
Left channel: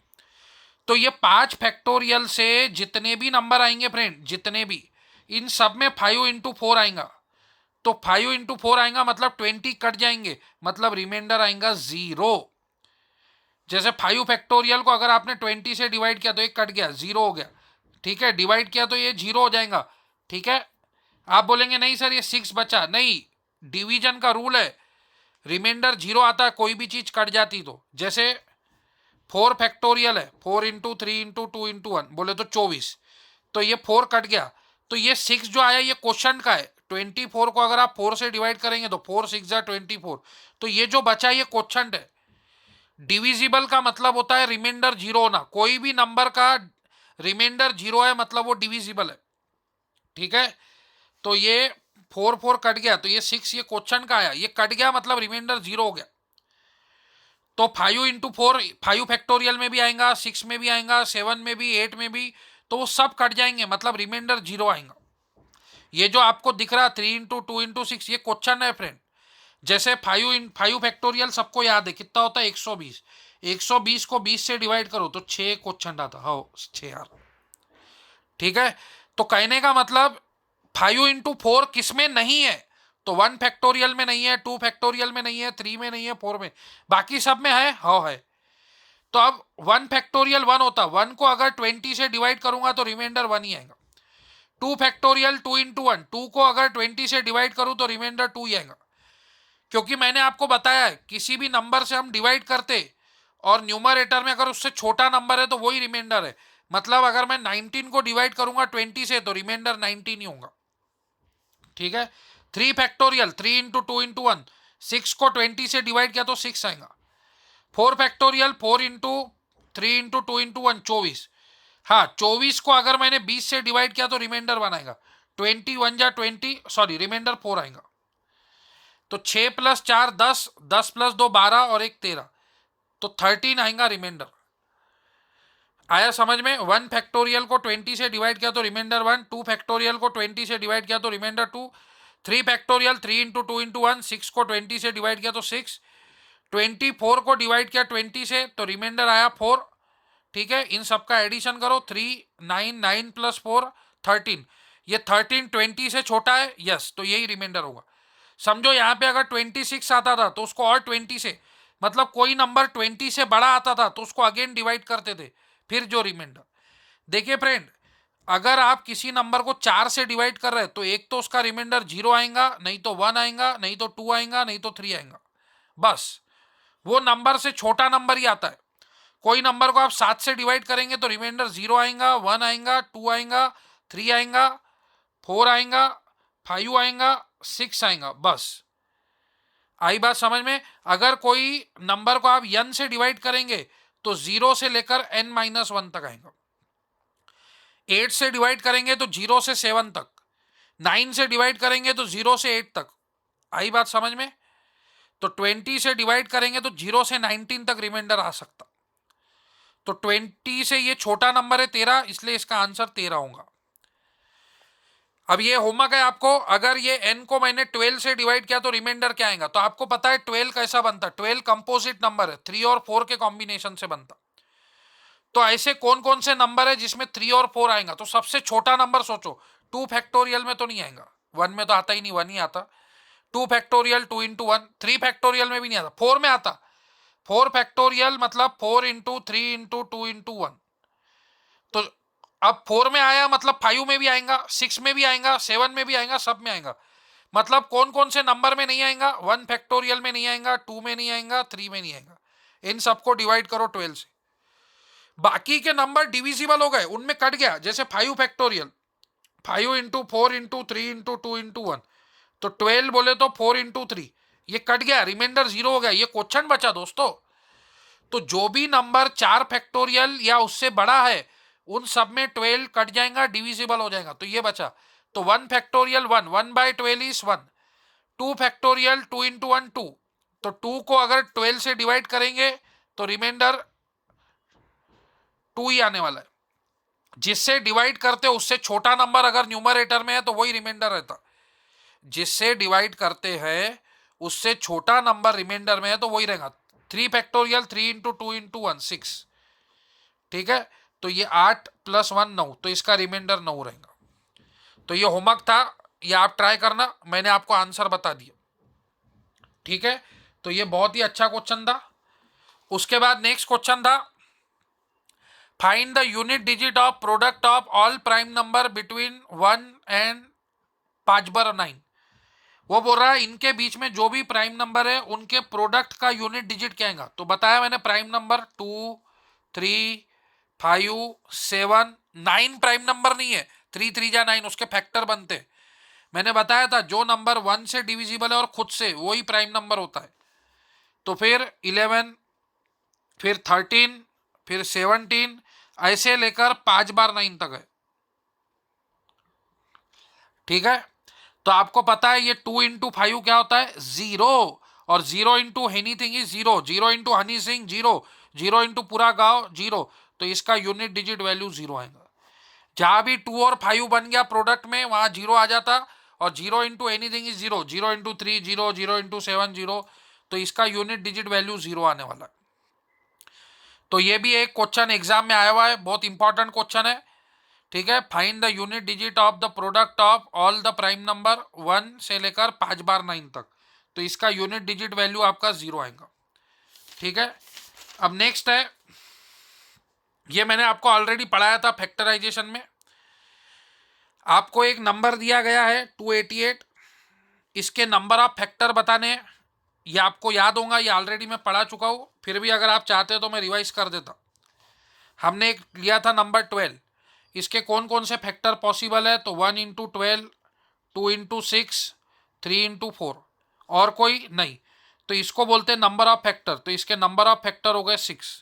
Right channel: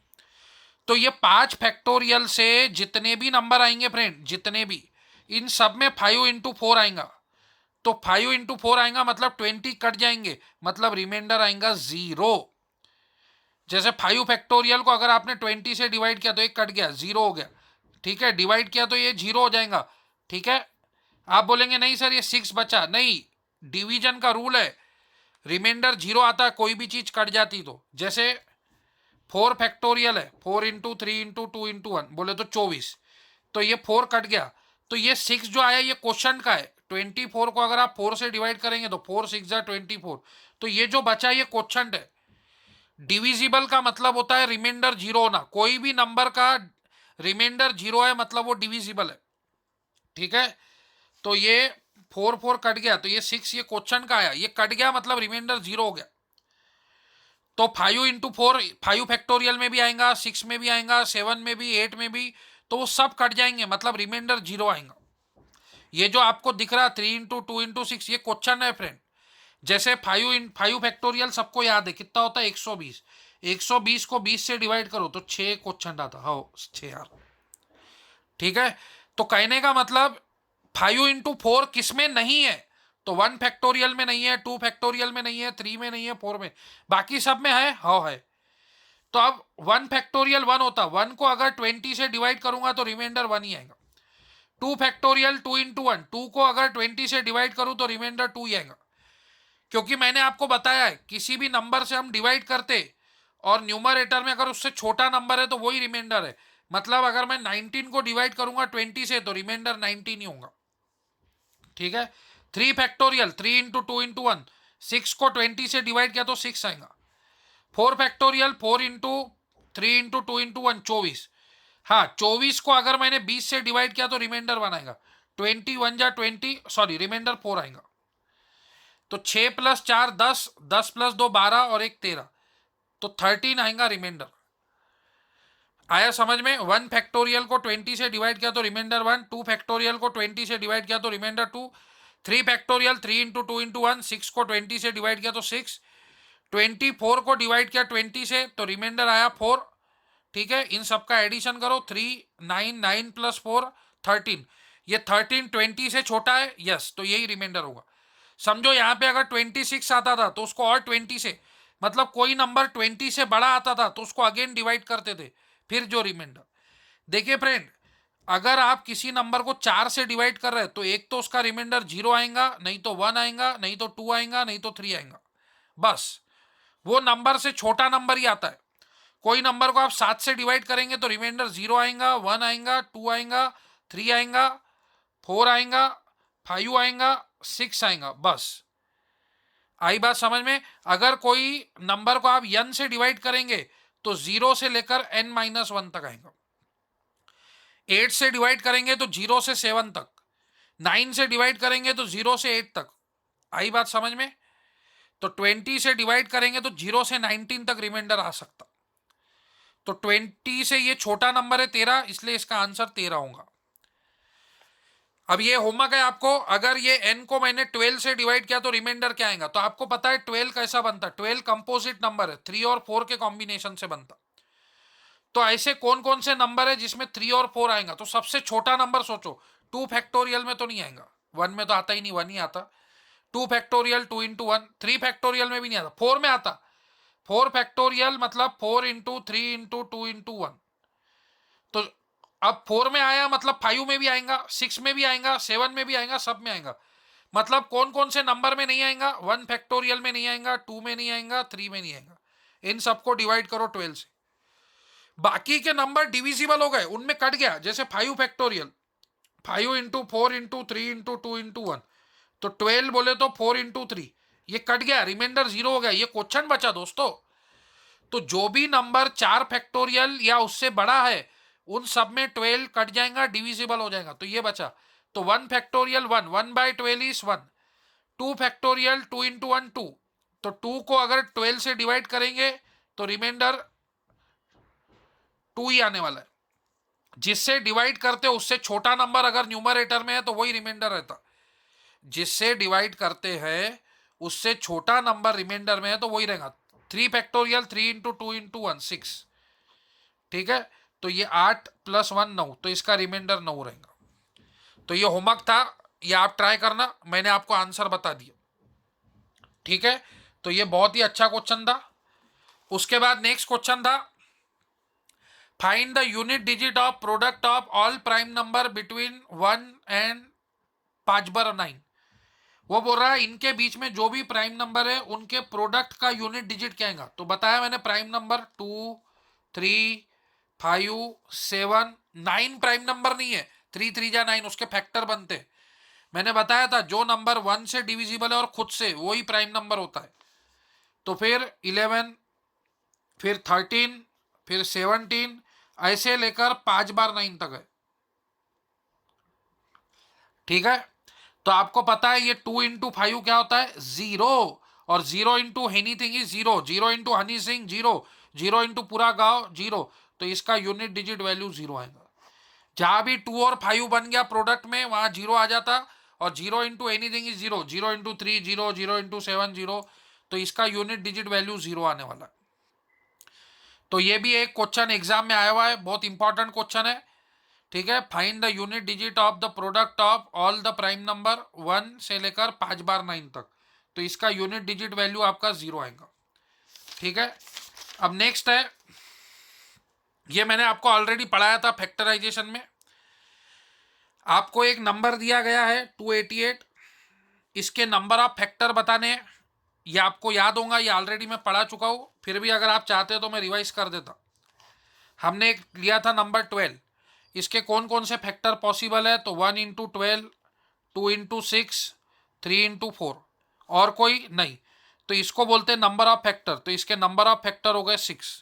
तो ये 5 फैक्टोरियल से जितने भी नंबर आएंगे फ्रेंड, जितने भी, इन सब में 5 इंटू 4 आएगा। तो 5 इंटू 4 आएगा मतलब 20 कट जाएंगे, मतलब रिमाइंडर आएगा 0। जैसे 5 फैक्टोरियल को अगर आपने 20 से डिवाइड किया तो एक कट गया, 0 हो गया, ठीक है। डिवाइड किया तो ये 0 हो जाएगा, ठीक है। आप बोलेंगे नहीं सर ये 6 बचा, नहीं, डिवीजन का रूल है, रिमाइंडर 0 आता है, कोई भी चीज कट जाती तो। जैसे 4 फैक्टोरियल है, 4 इंटू 3 इंटू 2 इंटू 1, बोले तो 24, तो ये 4 कट गया, तो ये 6 जो आया ये क्वेश्चन का है। 24 को अगर आप 4 से डिवाइड करेंगे तो 4 6 जा 24, तो ये जो बचा ये क्वेश्चन है। डिविजिबल का मतलब होता है रिमाइंडर 0 होना, कोई भी नंबर का रिमाइंडर 0 है मतलब वो डिविजिबल है, ठीक है। तो ये 4 4 कट गया, तो ये 6 ये क्वेश्चन का आया, ये कट गया मतलब रिमाइंडर 0 हो गया। तो 5 इंटू 4 5 फैक्टोरियल में भी आएगा, 6 में भी आएगा, 7 में भी, 8 में भी, तो वो सब कट जाएंगे, मतलब रिमाइंडर 0 आएगा। ये जो आपको दिख रहा 3 इंटू 2 इंटू 6, ये क्वेश्चन है फ्रेंड। जैसे 5 फैक्टोरियल सबको याद है कितना होता है, 120। 120 को 20 से डिवाइड करो तो 6 क्वेश्चन आता, हाँ 6 यार, ठीक है। तो कहने का मतलब 5 इंटू 4 किस में नहीं है, तो 1 फैक्टोरियल में नहीं है, 2 फैक्टोरियल में नहीं है, 3 में नहीं है, 4 में, बाकी सब में है, हाँ है। तो अब 1 फैक्टोरियल 1 होता, 1 को अगर 20 से डिवाइड करूंगा तो रिमाइंडर 1 ही आएगा। 2 फैक्टोरियल 2 इंटू 1, 2 को अगर 20 से डिवाइड करूं तो रिमाइंडर 2 ही आएगा। क्योंकि मैंने आपको बताया है किसी भी नंबर से हम डिवाइड करते और न्यूमरेटर में अगर उससे छोटा नंबर है तो वही रिमाइंडर है। मतलब अगर मैं 19 को डिवाइड करूंगा 20 से तो रिमाइंडर 19 ही होगा, ठीक है। 3 फैक्टोरियल 3 इंटू 2 इंटू 1, 6 को 20 से डिवाइड किया तो 6 आएगा। 4 फैक्टोरियल 4 इंटू 3 इंटू 2 इंटू 1, 24। हाँ 24 को अगर मैंने 20 से डिवाइड किया तो रिमाइंडर 1 आएगा। 21 जा 20, सॉरी रिमाइंडर 4 आएगा। तो 6 + 4 10, 10 + 2 12 और एक 13, तो 13 आएगा रिमाइंडर। आया समझ में? 1 फैक्टोरियल को 20 से डिवाइड किया तो रिमाइंडर 1, 2 फैक्टोरियल को 20 से डिवाइड किया तो रिमाइंडर 2, 3 फैक्टोरियल 3 इंटू 2 इंटू 1, 6 को 20 से डिवाइड किया तो 6, 24 को डिवाइड किया 20 से तो रिमाइंडर आया 4। ठीक है, इन सबका एडिशन करो, 3 9 9 + 4 13, ये 13 20 से छोटा है, यस, तो यही रिमाइंडर होगा। समझो यहाँ पे अगर 26 आता था तो उसको और 20 से, मतलब कोई नंबर 20 से बड़ा आता था तो उसको अगेन डिवाइड करते थे, फिर जो रिमाइंडर। देखिए फ्रेंड, अगर आप किसी नंबर को 4 से डिवाइड कर रहे हैं तो एक तो उसका रिमाइंडर 0 आएगा, नहीं तो 1 आएगा, नहीं तो 2 आएगा, नहीं तो 3 आएगा, बस वो नंबर से छोटा नंबर ही आता है। कोई नंबर को आप 7 से डिवाइड करेंगे तो रिमाइंडर 0 आएगा, 1 आएगा, 2 आएगा, 3 आएगा, 4 आएगा, 5 आएगा, 6 आएगा, बस। आई बात समझ में? अगर कोई नंबर को आप n से डिवाइड करेंगे तो 0 से लेकर n-1 तक आएगा। 8 से डिवाइड करेंगे तो 0 से 7 तक, 9 से डिवाइड करेंगे तो 0 से 8 तक। आई बात समझ में? तो 20 से डिवाइड करेंगे तो 0 से 19 तक रिमाइंडर आ सकता। तो 20 से ये छोटा नंबर है 13, इसलिए इसका आंसर 13 होगा। अब ये होमवर्क है आपको, अगर ये n को मैंने 12 से डिवाइड किया तो रिमाइंडर क्या आएगा? तो आपको पता है 12 कैसा बनता है, 12 कंपोजिट नंबर है, 3 और 4 के कॉम्बिनेशन से बनता। तो ऐसे कौन कौन से नंबर है जिसमें 3 और 4 आएगा? तो सबसे छोटा नंबर सोचो, 2 फैक्टोरियल में तो नहीं आएगा, 1 में तो आता ही नहीं, 1 ही आता। 2 फैक्टोरियल 2 इंटू 1, 3 फैक्टोरियल में भी नहीं आता, 4 में आता। 4 फैक्टोरियल मतलब 4 इंटू 3 इंटू 2 इंटू 1, तो अब 4 में आया मतलब 5 में भी आएगा, 6 में भी आएगा, 7 में भी आएगा, सब में आएगा। मतलब कौन कौन से नंबर में नहीं आएगा? 1 फैक्टोरियल में नहीं आएगा, 2 में नहीं आएगा, 3 में नहीं आएगा। इन सबको डिवाइड करो 12 से, बाकी के नंबर डिविजिबल हो गए, उनमें कट गया। जैसे 5 factorial, 5 into 4 into 3 into 2 into 1, तो 12 बोले तो 4 इंटू 3, ये कट गया, रिमाइंडर 0 हो गया, ये क्वेश्चन बचा दोस्तों। तो जो भी नंबर 4 फैक्टोरियल या उससे बड़ा है उन सब में 12 कट जाएगा, डिविजिबल हो जाएगा, तो ये बचा। तो 1 फैक्टोरियल 1, 1/12 इज 1, 2 फैक्टोरियल 2 इंटू 1 2, तो 2 को अगर 12 से डिवाइड करेंगे तो रिमाइंडर 2 ही आने वाला है। जिससे डिवाइड करते उससे छोटा नंबर अगर न्यूमरेटर में है तो वही रिमाइंडर रहता। जिससे डिवाइड करते हैं उससे छोटा नंबर रिमाइंडर में है तो वही रहेगा। 3 फैक्टोरियल 3 इंटू 2 इंटू 1 6, ठीक है, तो ये 8 + 1 9, तो इसका रिमाइंडर 9 रहेगा। तो ये होमवर्क था, ये आप ट्राई करना, मैंने आपको आंसर बता दिया, ठीक है। तो ये बहुत ही अच्छा क्वेश्चन था। उसके बाद नेक्स्ट क्वेश्चन था, find the unit digit of product of all prime number between 1 and 5/9। वो बोल रहा है इनके बीच में जो भी प्राइम नंबर है उनके प्रोडक्ट का यूनिट डिजिट क्या आएगा। तो बताया मैंने, प्राइम नंबर 2 3 5 7 9 प्राइम नंबर नहीं है, 3 3 जा 9, उसके फैक्टर बनते हैं। मैंने बताया था जो नंबर 1 से डिविजिबल है और खुद से, वही प्राइम नंबर होता है। तो फिर 11, फिर 13, फिर 17, ऐसे लेकर 5/9 तक है, ठीक है। तो आपको पता है ये 2 इंटू 5 क्या होता है? 0, और 0 into anything is 0, 0 into Honey Singh 0, 0 into पूरा गांव 0, तो इसका यूनिट डिजिट वैल्यू 0 आएगा। जहां भी 2 और 5 बन गया प्रोडक्ट में वहां 0 आ जाता, और 0 into anything is 0, 0 into 3 0, 0 into 7 0, तो इसका यूनिट डिजिट वैल्यू 0 आने वाला है। तो ये भी एक क्वेश्चन एग्जाम में आया हुआ है, बहुत इंपॉर्टेंट क्वेश्चन है, ठीक है। Find the unit digit of the product of all the prime number 1 से लेकर 5/9 तक, तो इसका यूनिट डिजिट वैल्यू आपका 0 आएगा, ठीक है। अब नेक्स्ट है, ये मैंने आपको ऑलरेडी पढ़ाया था फैक्टराइजेशन में। आपको एक नंबर दिया गया है 288, इसके नंबर ऑफ फैक्टर बताने हैं। ये आपको याद होगा, ये ऑलरेडी मैं पढ़ा चुका हूँ, फिर भी अगर आप चाहते हो तो मैं रिवाइज कर देता। हमने एक लिया था नंबर 12, इसके कौन कौन से फैक्टर पॉसिबल है? तो 1 इंटू 12, 2 इंटू 6, 3 इंटू 4, और कोई नहीं, तो इसको बोलते हैं नंबर ऑफ फैक्टर। तो इसके नंबर ऑफ फैक्टर हो गए 6।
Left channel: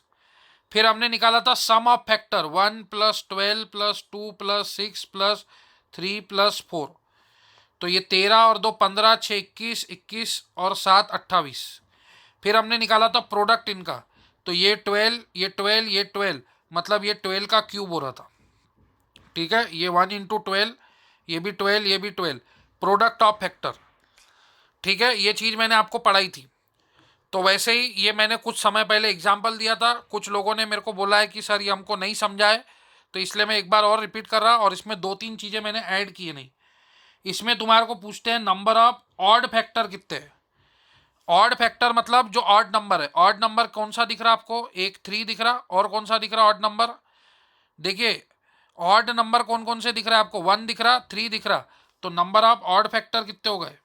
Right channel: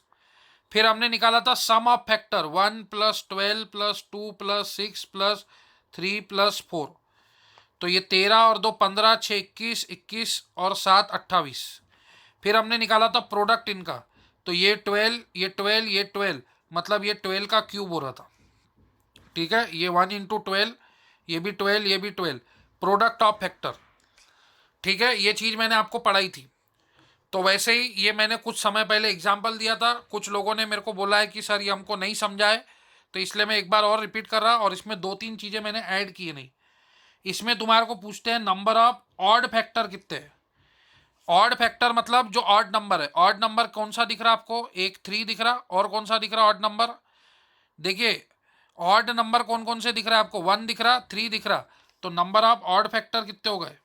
फिर हमने निकाला था सम ऑफ फैक्टर, 1 + 12 + 2 + 6 + 3 + 4, तो ये 13 और 2 15, 6 21, 21 और 7 28। फिर हमने निकाला था प्रोडक्ट इनका, तो ये 12, ये 12, ये 12, मतलब ये 12 का क्यूब हो रहा था। ठीक है, ये 1 इंटू 12, ये भी 12, ये भी 12, प्रोडक्ट ऑफ फैक्टर। ठीक है, ये चीज़ मैंने आपको पढ़ाई थी। तो वैसे ही ये मैंने कुछ समय पहले एग्जाम्पल दिया था, कुछ लोगों ने मेरे को बोला है कि सर ये हमको नहीं समझा है, तो इसलिए मैं एक बार और रिपीट कर रहा, और इसमें 2-3 चीज़ें मैंने ऐड की नहीं। इसमें तुम्हारे को पूछते हैं नंबर ऑफ ऑड फैक्टर कितने हैं। ऑड फैक्टर मतलब जो ऑड नंबर है। ऑड नंबर कौन सा दिख रहा है आपको? एक 3 दिख रहा, और कौन सा दिख रहा ऑड नंबर? देखिए, ऑड नंबर कौन कौन से दिख रहा है आपको? 1 दिख रहा, 3 दिख रहा। तो नंबर ऑफ ऑड फैक्टर कितने हो गए?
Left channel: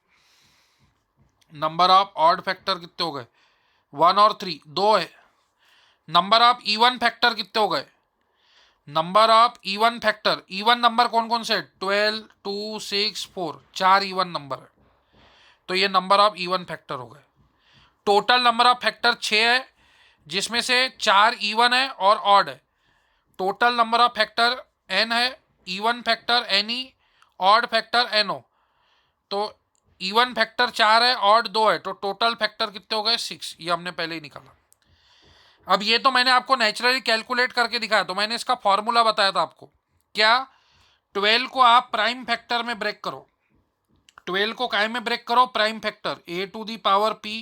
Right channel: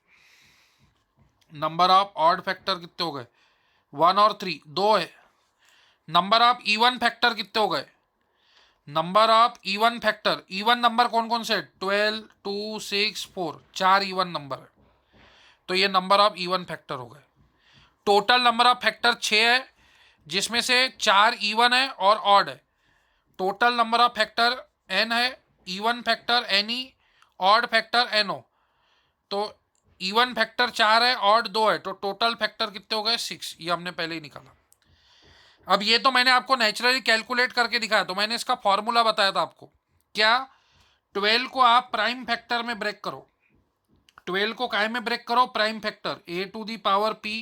नंबर ऑफ ऑड फैक्टर कितने हो गए? 1 और 3, 2 है। नंबर ऑफ इवन फैक्टर कितने हो गए? Number of even factor, even number कौन कौन से? 12, 2, 6, 4, 4 इवन नंबर है। तो ये नंबर ऑफ इवन फैक्टर हो गए। टोटल नंबर ऑफ फैक्टर 6 है, जिसमें से 4 इवन है और ऑड है। Total number of factor n है, even factor ne, odd factor no। तो इवन फैक्टर 4 है, ऑड 2 है, तो टोटल फैक्टर कितने हो गए? 6। ये हमने पहले ही निकाला। अब ये तो मैंने आपको नेचुरली कैलकुलेट करके दिखाया, तो मैंने इसका फॉर्मूला बताया था आपको। क्या? 12 को आप प्राइम फैक्टर में ब्रेक करो। 12 को काय में ब्रेक करो? Prime factor. a to the power p,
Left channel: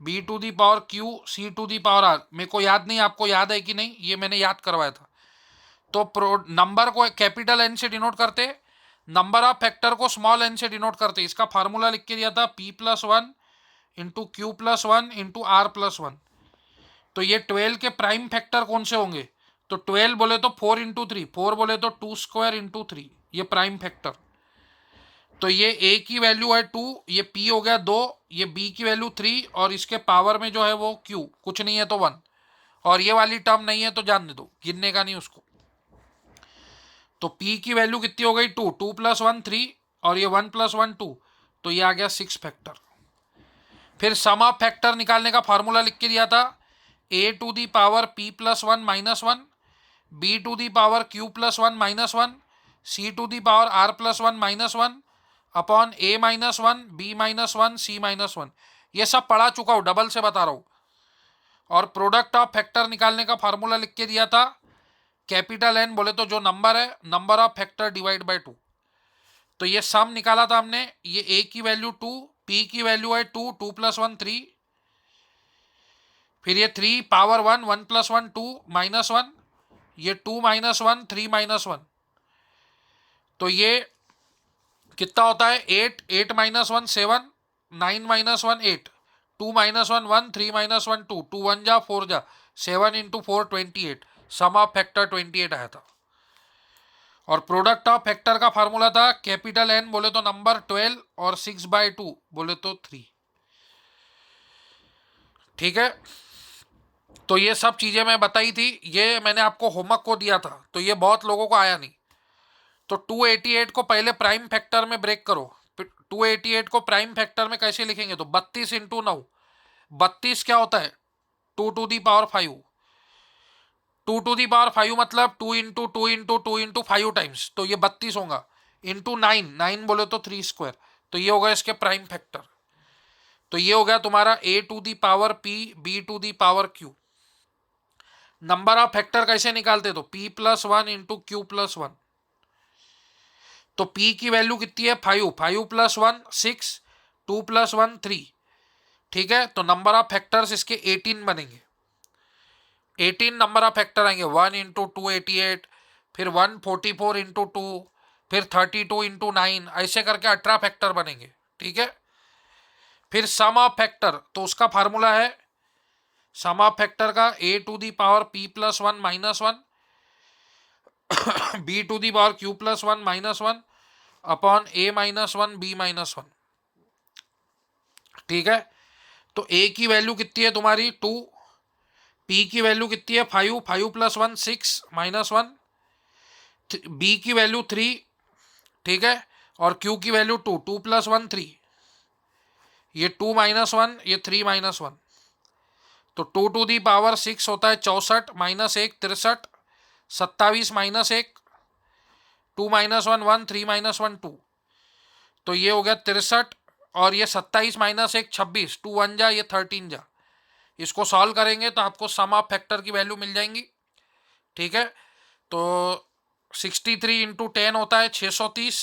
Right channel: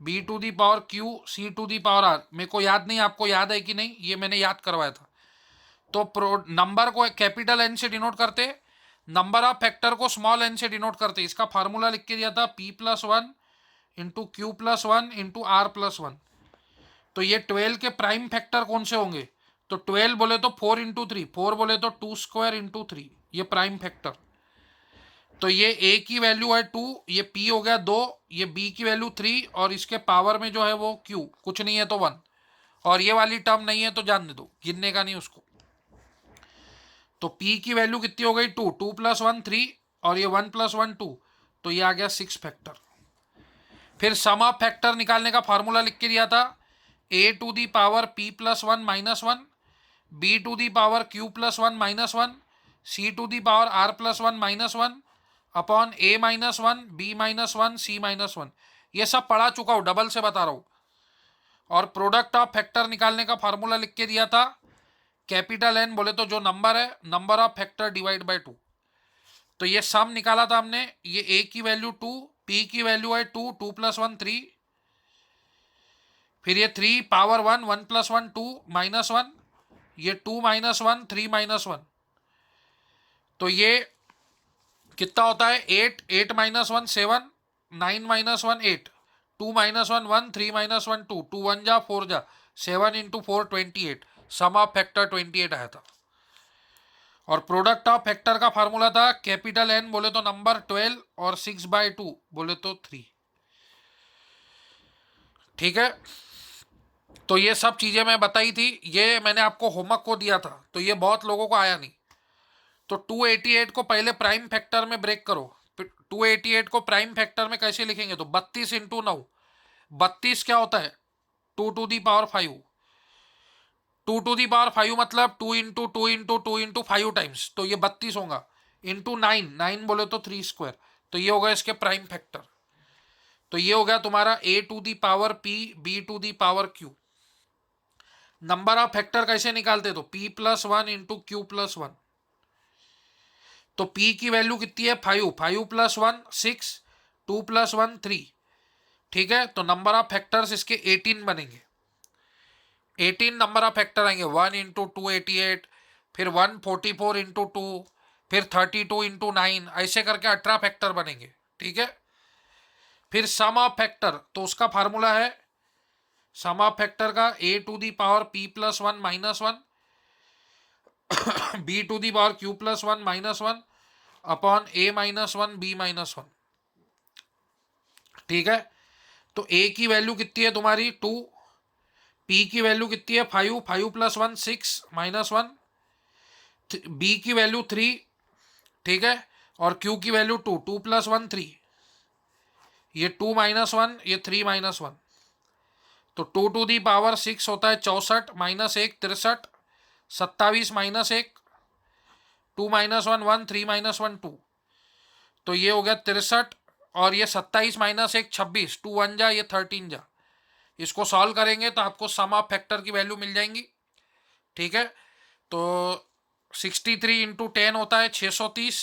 b to the power q, c to the power r। मेरे को याद नहीं, आपको याद है कि नहीं? ये मैंने याद करवाया था। तो नंबर को कैपिटल एन से डिनोट करते, नंबर ऑफ फैक्टर को स्मॉल एन से डिनोट करते। इसका फार्मूला लिख के दिया था p+1 into q+1 into r+1। तो ये 12 के प्राइम फैक्टर कौन से होंगे? तो 12 बोले तो 4 इंटू 3, 4 बोले तो 2 स्क्वायर इंटू 3, ये प्राइम फैक्टर। तो ये a की वैल्यू है 2, ये p हो गया 2, ये b की वैल्यू 3, और इसके पावर में जो है वो q कुछ नहीं है तो 1, और ये वाली टर्म नहीं है तो जानने दो, गिनने का नहीं उसको। तो p की वैल्यू कितनी हो गई? 2, 2 + 1 3, और ये 1 + 1 2, तो ये आ गया 6 फैक्टर। फिर सम ऑफ फैक्टर निकालने का फार्मूला लिख के दिया था, a to the power p+1 -1, b to the power q+1 -1, c to the power r+1 -1 upon a -1, b -1, c -1। ये सब पढ़ा चुका हूँ, डबल से बता रहा हूँ। और प्रोडक्ट ऑफ फैक्टर निकालने का फार्मूला लिख के दिया था, कैपिटल एन बोले तो जो नंबर है, number of factor divide by 2। तो ये सम निकाला था हमने। ये a की वैल्यू 2, p की वैल्यू है 2, 2 + 1 3, फिर ये 3 पावर 1, 1 + 1 2 -1, ये 2 -1 3 -1, तो ये कितना होता है? 8, 8 -1 7, 9 -1 8, 2 -1 1, 3 -1 2, 2 1 जा 4 जा, 7 इंटू 4 28। सम ऑफ फैक्टर 28 आया था। और प्रोडक्ट ऑफ फैक्टर का फार्मूला था, कैपिटल एन बोले तो नंबर 12, और 6/2 बोले तो 3। ठीक है, तो ये सब चीजें मैं बताई थी, ये मैंने आपको होमवर्क को दिया था, तो ये बहुत लोगों को आया नहीं। तो 288 को पहले प्राइम फैक्टर में ब्रेक करो। 288 को प्राइम फैक्टर में कैसे लिखेंगे? तो 32 इंटू 9, 32 क्या होता है? 2 to the power 5। 2 to the power 5 मतलब 2 इंटू 2 इंटू 2 इंटू 5 टाइम्स, तो ये 32 होगा। इंटू 9, 9 बोले तो 3 स्क्वायर, तो ये होगा इसके प्राइम फैक्टर। तो ये हो गया तुम्हारा a to the power p, b to the power q। Number of factor कैसे निकालते? तो p+1 इंटू q+1। तो p की वैल्यू कितनी है? 5, 5 + 1 6, 2 + 1 3। ठीक है, तो नंबर ऑफ फैक्टर्स इसके 18 बनेंगे। 18 नंबर ऑफ फैक्टर आएंगे। 1 इंटू 288, फिर 144 इंटू 2, फिर 32 इंटू 9, ऐसे करके 18 फैक्टर बनेंगे। ठीक है, फिर सम ऑफ फैक्टर, तो उसका फार्मूला है सम ऑफ फैक्टर का a to the power p+1 -1, b to the power q+1 -1 upon a -1 b -1। ठीक है, तो a की वैल्यू कितनी है तुम्हारी? 2, p की वैल्यू कितनी है? 5, 5 + 1 6 -1, b की वैल्यू 3, ठीक है, और q की वैल्यू 2, 2 + 1 3, ये 2 -1, ये 3 -1, तो 2 टू दी पावर 6 होता है 64, -1 63, 27 -1, 2 -1 1, 3 -1 2, तो ये हो गया 63 और ये 27 माइनस 1 26, 2 1 जा, ये 13 जा। इसको सॉल्व करेंगे तो आपको सम ऑफ फैक्टर की वैल्यू मिल जाएंगी। ठीक है, तो 63 इंटू 10 होता है 630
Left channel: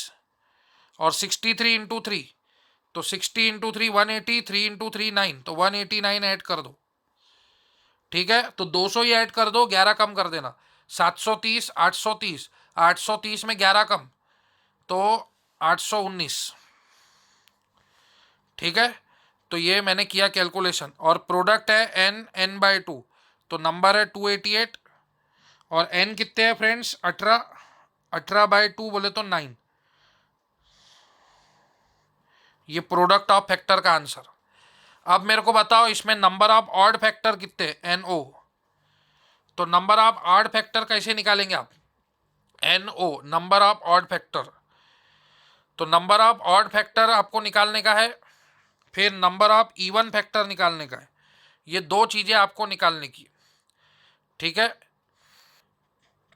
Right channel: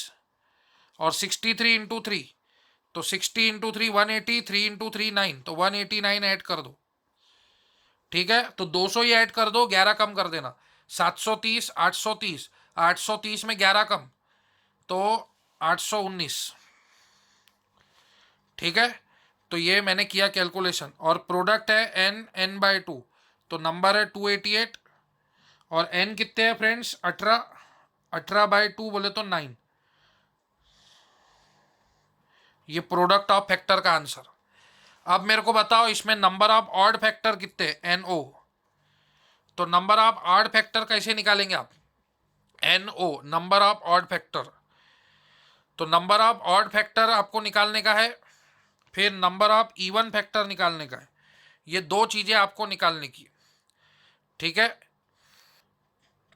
और 63 इंटू 3 तो 60 इंटू 3 180, 3 इंटू 3 9, तो 189 ऐड कर दो। ठीक है, तो 200 ही ऐड कर दो, 11 कम कर देना। 730, 830, 830 में 11 कम तो 819। ठीक है, तो ये मैंने किया कैलकुलेशन और प्रोडक्ट है एन एन बाई 2, तो नंबर है 288 और एन कितने हैं फ्रेंड्स 18, 18 बाई 2 बोले तो 9। ये प्रोडक्ट ऑफ फैक्टर का आंसर। अब मेरे को बताओ इसमें नंबर ऑफ ऑड फैक्टर कितने, एन ओ। तो नंबर ऑफ ऑड फैक्टर कैसे निकालेंगे आप, N O number of odd factor. तो नंबर ऑफ ऑड फैक्टर आपको निकालने का है, फिर नंबर ऑफ इवन फैक्टर निकालने का है। ये दो चीजें आपको निकालने की। ठीक है,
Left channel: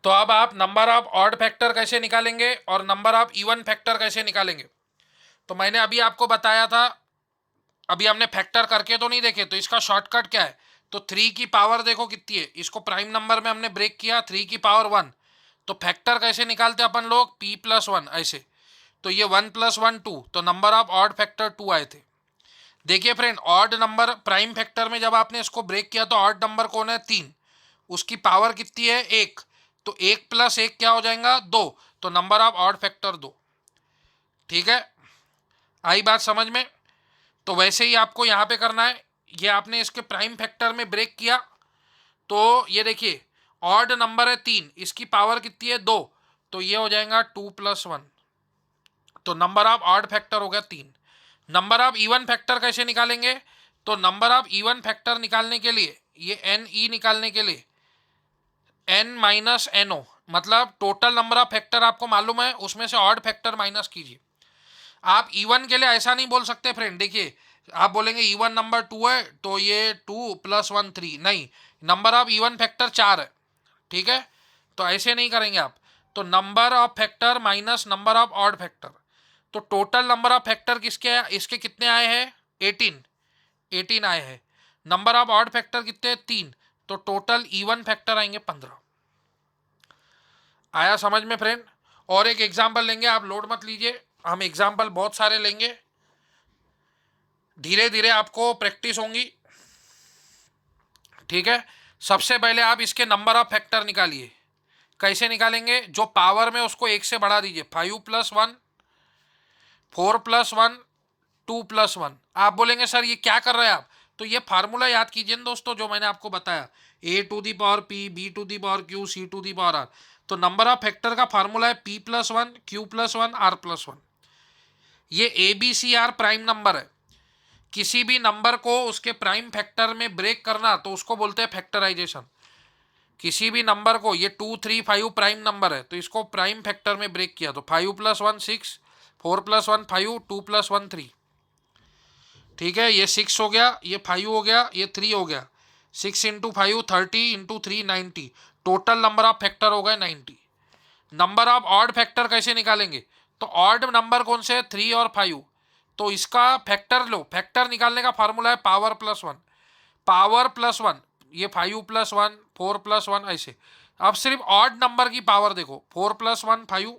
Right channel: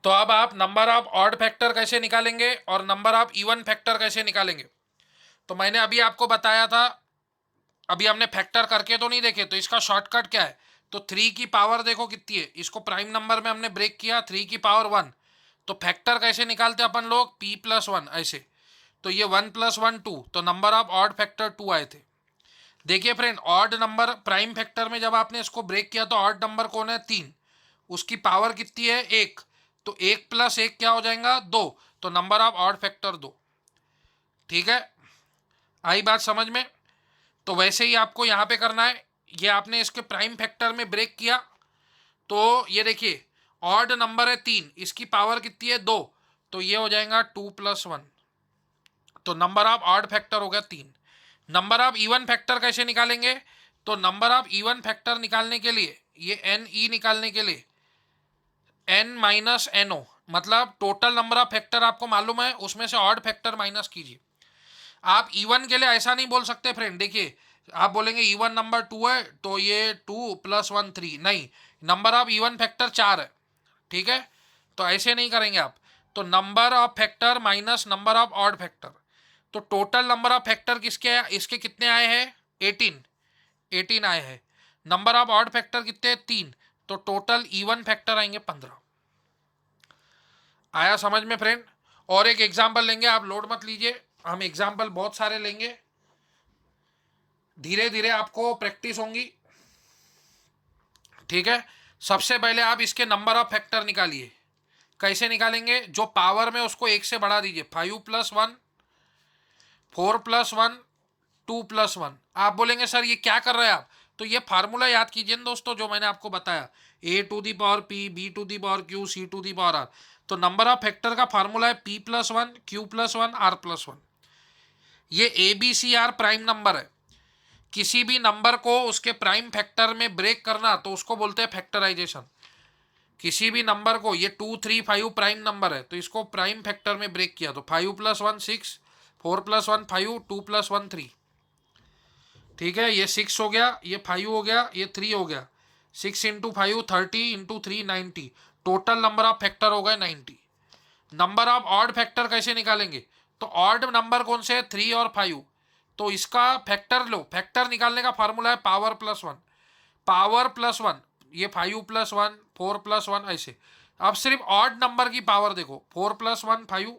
तो अब आप नंबर ऑफ ऑड फैक्टर कैसे निकालेंगे और नंबर ऑफ इवन फैक्टर कैसे निकालेंगे। तो मैंने अभी आपको बताया था, अभी हमने फैक्टर करके तो नहीं देखे, तो इसका शॉर्टकट क्या है। तो 3 की पावर देखो कितनी है, इसको प्राइम नंबर में हमने ब्रेक किया, 3 की पावर 1। तो फैक्टर कैसे निकालते अपन लोग, p प्लस 1 ऐसे। तो ये 1 प्लस 1 2, तो नंबर ऑफ ऑड फैक्टर 2 आए थे। देखिए friend, odd number prime factor में जब आपने इसको ब्रेक किया तो ऑड नंबर कौन है, 3, उसकी पावर कितनी है 1, तो 1 प्लस 1 क्या हो जाएगा 2, तो नंबर ऑफ ऑड फैक्टर 2। ठीक है, आई बात समझ में। तो वैसे ही आपको यहाँ पे करना है, ये आपने इसके प्राइम फैक्टर में ब्रेक किया तो ये देखिए ऑड नंबर है 3, इसकी पावर कितनी है 2, तो ये हो जाएगा 2 प्लस 1, तो नंबर ऑफ ऑड फैक्टर हो गया 3। नंबर ऑफ इवन फैक्टर कैसे निकालेंगे, तो नंबर ऑफ इवन फैक्टर निकालने के लिए, ये एन ई निकालने के लिए एन माइनस एन ओ, मतलब टोटल नंबर ऑफ फैक्टर आपको मालूम है, उसमें से ऑड फैक्टर माइनस कीजिए। आप इवन के लिए ऐसा नहीं बोल सकते फ्रेंड, देखिए आप बोलेंगे इवन नंबर 2 है तो ये 2 प्लस 1 3, नहीं, नंबर ऑफ इवन फैक्टर 4 है। ठीक है, तो ऐसे नहीं करेंगे आप। तो number of factor minus number of odd factor, तो टोटल नंबर ऑफ फैक्टर किसके, इसके कितने आए हैं 18, 18 आए हैं। नंबर ऑफ ऑड फैक्टर कितने 3, तो टोटल इवन फैक्टर आएंगे 15। आया समझ में फ्रेंड। और एक एग्जाम्पल लेंगे, आप लोड मत लीजिए, हम एग्जाम्पल बहुत सारे लेंगे, धीरे धीरे आपको प्रैक्टिस होंगी। ठीक है, सबसे पहले आप इसके नंबर ऑफ फैक्टर निकालिए। कैसे निकालेंगे, जो पावर में उसको 1 से बढ़ा दीजिए, 5 प्लस 1, 4 प्लस 1, 2 प्लस 1। आप बोलेंगे सर ये क्या कर रहे हैं आप, तो ये फार्मूला याद कीजिए दोस्तों जो मैंने आपको बताया, a to the power p, b to the power q, c to the power r। तो नंबर ऑफ फैक्टर का फार्मूला है p plus 1, q plus 1, r plus 1। ये A B C are prime number है। किसी भी number को उसके prime factor में ब्रेक करना तो उसको बोलते हैं फैक्टराइजेशन। किसी भी नंबर को, ये 2 3 5 प्राइम नंबर है तो इसको प्राइम फैक्टर में ब्रेक किया तो 5 प्लस 1 6, 4 प्लस 1 5, 2 प्लस 1 3। ठीक है, ये 6 हो गया, ये 5 हो गया, ये 3 हो गया। 6 into 5 30, into 3 90, total number of factor हो गए 90। नंबर ऑफ ऑड फैक्टर कैसे निकालेंगे, तो ऑड नंबर कौन से, 3 और 5, तो इसका फैक्टर लो। फैक्टर निकालने का फार्मूला है पावर प्लस 1, पावर प्लस 1, ये 5 प्लस 1, 4 प्लस 1 ऐसे। अब सिर्फ ऑड नंबर की पावर देखो, 4 प्लस 1 5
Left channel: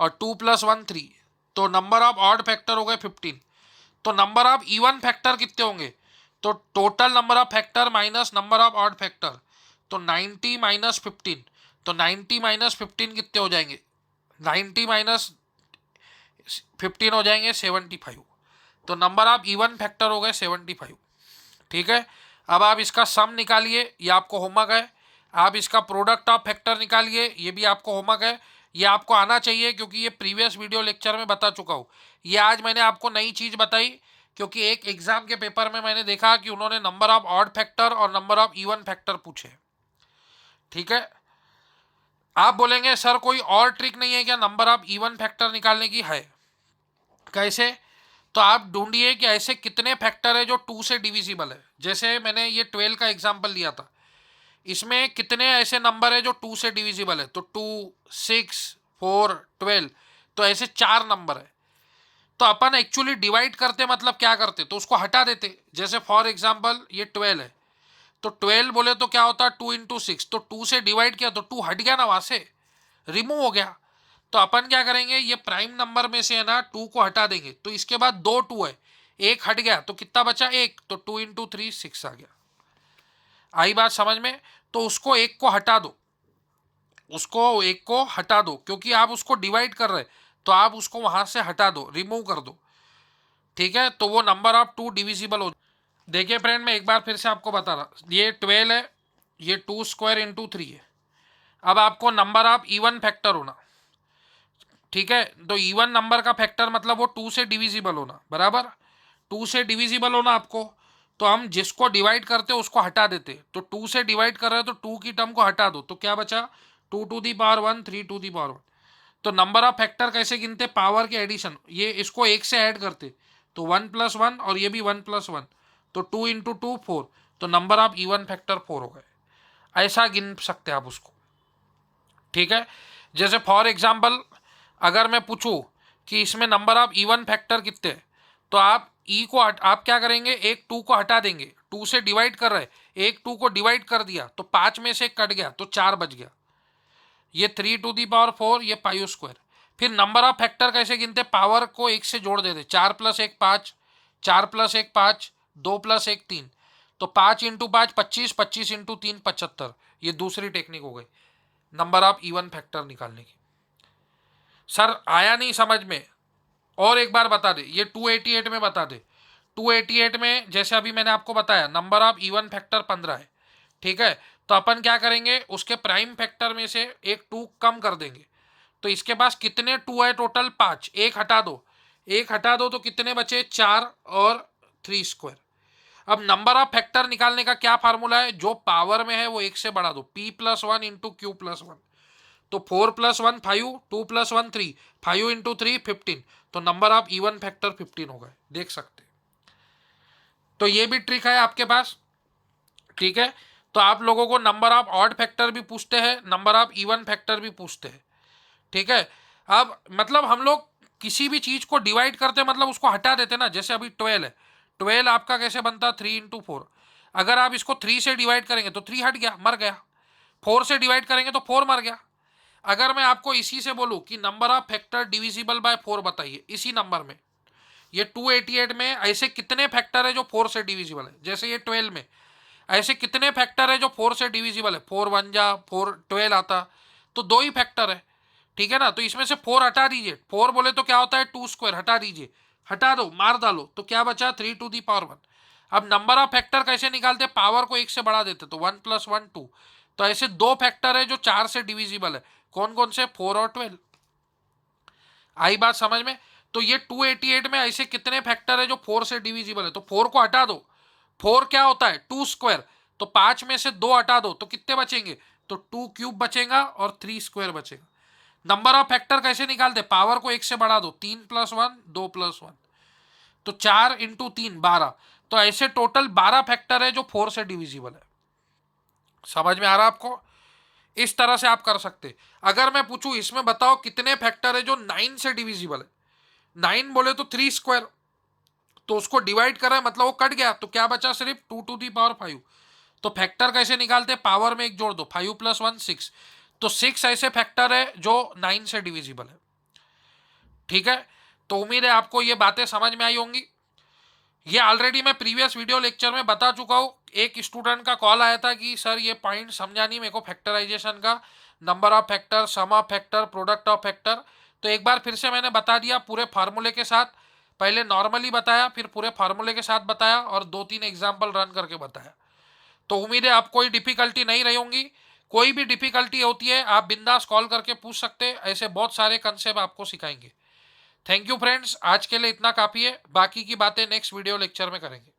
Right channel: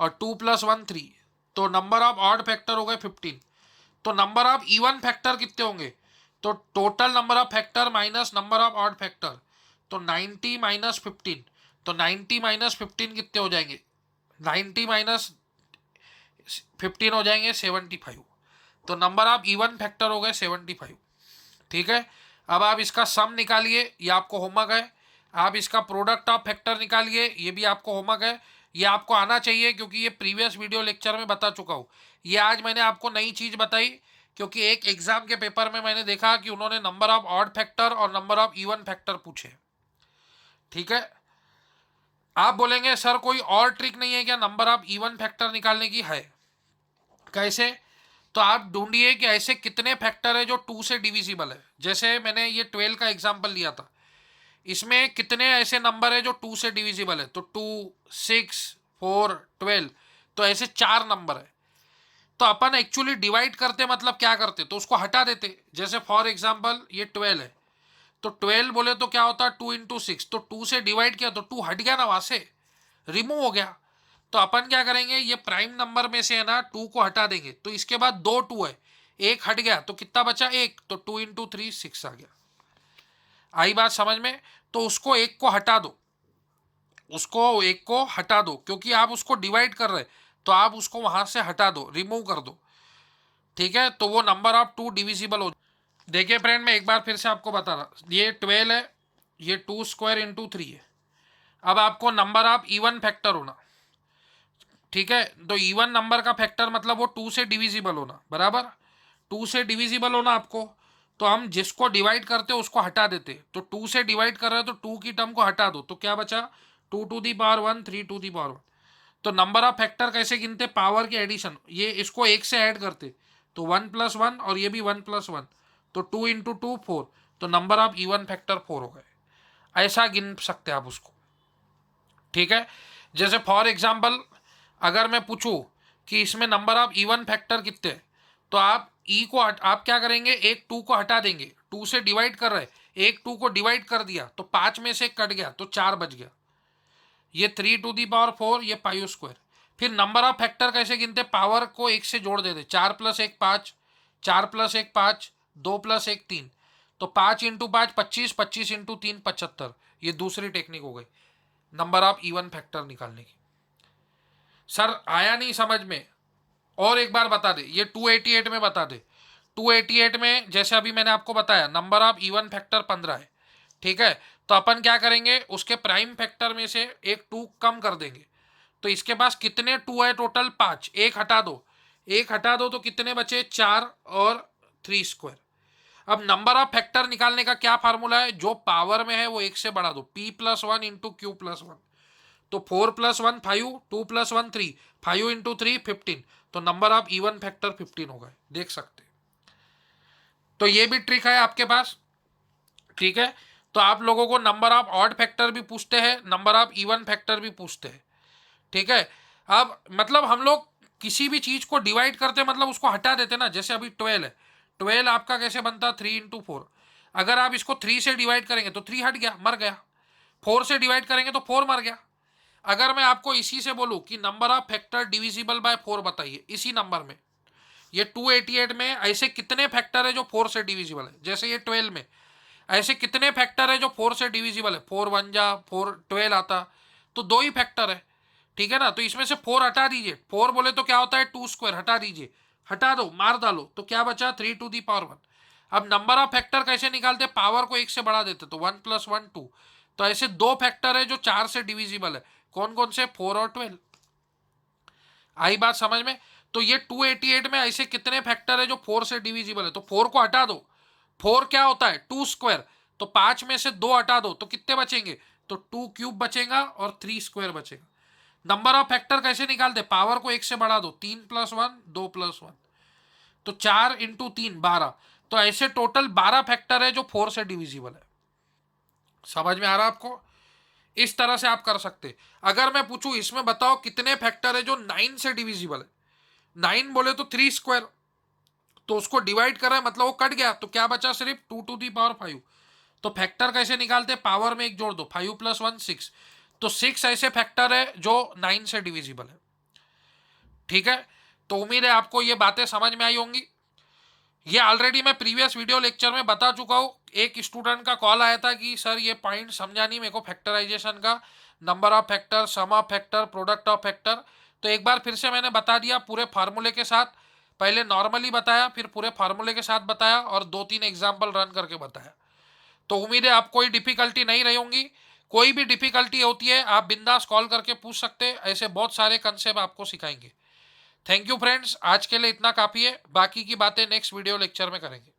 और 2 प्लस 1 3, तो नंबर ऑफ ऑड फैक्टर हो गए 15। तो नंबर ऑफ इवन फैक्टर कितने होंगे, तो total number of factor minus number of odd factor, तो 90 माइनस 15, तो 90 माइनस 15 कितने हो जाएंगे, 90 माइनस 15 हो जाएंगे 75। तो नंबर ऑफ इवन फैक्टर हो गए 75। ठीक है, अब आप इसका सम निकालिए, ये आपको होमवर्क है। आप इसका प्रोडक्ट ऑफ फैक्टर निकालिए, ये भी आपको होमवर्क है। ये आपको आना चाहिए क्योंकि ये प्रीवियस वीडियो लेक्चर में बता चुका हूँ। ये आज मैंने आपको नई चीज़ बताई क्योंकि एक एग्जाम के पेपर में मैंने देखा कि उन्होंने नंबर ऑफ ऑड फैक्टर और नंबर ऑफ इवन फैक्टर पूछे। ठीक है, आप बोलेंगे सर कोई और ट्रिक नहीं है क्या नंबर ऑफ इवन फैक्टर निकालने की, है। कैसे, तो आप ढूंढिए कि ऐसे कितने फैक्टर है जो 2 से डिविजिबल है। जैसे मैंने ये 12 का एग्जाम्पल लिया था, इसमें कितने ऐसे नंबर है जो 2 से डिविजिबल है, तो 2 6 4 12, तो ऐसे 4 नंबर है। तो अपन एक्चुअली डिवाइड करते मतलब क्या करते, तो उसको हटा देते। जैसे फॉर एग्जाम्पल ये 12 है, तो 12 बोले तो क्या होता है 2 × 6, तो 2 से डिवाइड किया तो 2 हट गया ना, वहां से रिमूव हो गया। तो अपन क्या करेंगे, ये प्राइम नंबर में से है ना 2 को हटा देंगे, तो इसके बाद 2 2 है, एक हट गया तो कितना बचा 1, तो 2 × 3 6 आ गया। आई बात समझ में? तो उसको एक को हटा दो, उसको एक को हटा दो, क्योंकि आप उसको डिवाइड कर रहे, तो आप उसको वहां से हटा दो, रिमूव कर दो। ठीक है, तो वो नंबर ऑफ 2 डिविजिबल हो। देखिए फ्रेंड, मैं एक बार फिर से आपको बता रहा, ये 12 है, ये 2² × 3 है। अब आपको नंबर ऑफ इवन फैक्टर होना, ठीक है, तो इवन नंबर का फैक्टर मतलब वो 2 से डिविजिबल होना, बराबर 2 से डिविजिबल होना आपको। तो हम जिसको डिवाइड करते उसको हटा देते, तो 2 से डिवाइड कर रहे हो तो 2 की टर्म को हटा दो, तो क्या बचा 2⁻1 3⁻1। तो नंबर ऑफ फैक्टर कैसे गिनते, पावर के एडिशन, ये इसको एक से ऐड करते, तो 1+1 और ये भी 1+1, तो 2 × 2 4, तो नंबर ऑफ इवन फैक्टर 4 हो गए। ऐसा गिन सकते आप उसको। ठीक है, जैसे फॉर एग्जाम्पल अगर मैं पूछूं कि इसमें नंबर ऑफ इवन फैक्टर कितने हैं, तो आप ई को आप क्या करेंगे, एक 2 को हटा देंगे, 2 से डिवाइड कर रहे, एक 2 को डिवाइड कर दिया तो 5 में से कट गया तो 4 बच गया, ये 3⁴ ये π²। फिर नंबर ऑफ फैक्टर कैसे गिनते, पावर को एक से जोड़ देते, 4 + 1 5, 4 + 1 5, 2 + 1 3, तो 5 × 5 25, 25 × 3 75। ये दूसरी टेक्निक हो गई नंबर ऑफ इवन फैक्टर निकालने की। सर आया नहीं समझ में? और एक बार बता दे, ये 288 में बता दे। 288 में जैसे अभी मैंने आपको बताया नंबर ऑफ इवन फैक्टर 15 है, ठीक है, तो अपन क्या करेंगे, उसके प्राइम फैक्टर में से एक 2 कम कर देंगे, तो इसके पास कितने 2 है टोटल 5, एक हटा दो, एक हटा दो तो कितने बचे 4 और 3²। अब नंबर ऑफ फैक्टर निकालने का क्या फार्मूला है, जो पावर में है वो एक से बढ़ा दो, p+1 × q+1, तो 4+1 5, 2+1 3, 5 × 3 15, तो नंबर ऑफ इवन फैक्टर 15 हो गए, देख सकते। तो ये भी ट्रिक है आपके पास। ठीक है, तो आप लोगों को नंबर ऑफ ऑड फैक्टर भी पूछते हैं, नंबर ऑफ इवन फैक्टर भी पूछते हैं। ठीक है, अब मतलब हम लोग किसी भी चीज को डिवाइड करते मतलब उसको हटा देते ना, जैसे अभी 12 है, 12 आपका कैसे बनता 3 × 4, अगर आप इसको 3 से डिवाइड करेंगे तो 3 हट गया, मर गया, 4 से डिवाइड करेंगे तो 4 मर गया। अगर मैं आपको इसी से बोलूं कि number of factor divisible by 4 बताइए, इसी नंबर में, ये 288 में ऐसे कितने फैक्टर है जो 4 से डिविजिबल है, जैसे ये 12 में ऐसे कितने फैक्टर है जो 4 से डिविजिबल है, 4 1 जा 4 12 आता, तो 2 ही फैक्टर है। ठीक है ना, तो इसमें से 4 हटा दीजिए, 4 बोले तो क्या होता है 2², हटा दीजिए, हटा दो, मार डालो, तो क्या बचा 3⁻1। अब नंबर ऑफ फैक्टर कैसे निकालते, पावर को एक से बढ़ा देते, तो 1+1 2, तो ऐसे 2 फैक्टर है जो 4 से डिविजिबल है, कौन कौन से, 4 और 12। आई बात समझ में? तो ये 288 में ऐसे कितने फैक्टर है जो 4 से डिविजिबल है, तो 4 को हटा दो, 4 क्या होता है 2², तो 5 में से 2 हटा दो तो कितने बचेंगे, तो 2³ बचेगा और 3² बचेगा। नंबर ऑफ फैक्टर कैसे निकालते, पावर को एक से बढ़ा दो, 3+1 2+1, तो 4 × 3 12, तो ऐसे टोटल 12 फैक्टर है जो 4 से डिविजिबल है। समझ में आ रहा आपको? इस तरह से आप कर सकते। अगर मैं पूछूं इसमें बताओ कितने फैक्टर है जो 9 से डिविजिबल है, 9 बोले तो 3², तो उसको डिवाइड कर रहे हैं मतलब वो कट गया, तो क्या बचा सिर्फ 2⁵ तो फैक्टर कैसे निकालते, पावर में एक जोड़ दो, 5 + 1 6, तो 6 ऐसे फैक्टर है जो 9 से डिविजिबल है। ठीक है, तो उम्मीद है आपको ये बातें समझ में आई होंगी। ये ऑलरेडी मैं प्रीवियस वीडियो लेक्चर में बता चुका हूँ। एक स्टूडेंट का कॉल आया था कि सर ये पॉइंट समझा नहीं मेरे को फैक्टराइजेशन का, number of factor, sum of factor, product of factor, तो एक बार फिर से मैंने बता दिया पूरे फार्मूले के साथ। पहले नॉर्मली बताया, फिर पूरे फार्मूले के साथ बताया और 2-3 एग्जाम्पल रन करके बताया। तो उम्मीद है आप कोई डिफिकल्टी नहीं रही होंगी। कोई भी डिफिकल्टी होती है आप बिंदास कॉल करके पूछ सकते हैं, ऐसे बहुत सारे कंसेप्ट आपको सिखाएंगे। थैंक यू फ्रेंड्स, आज के लिए इतना काफ़ी है, बाकी की बातें नेक्स्ट वीडियो लेक्चर में करेंगे।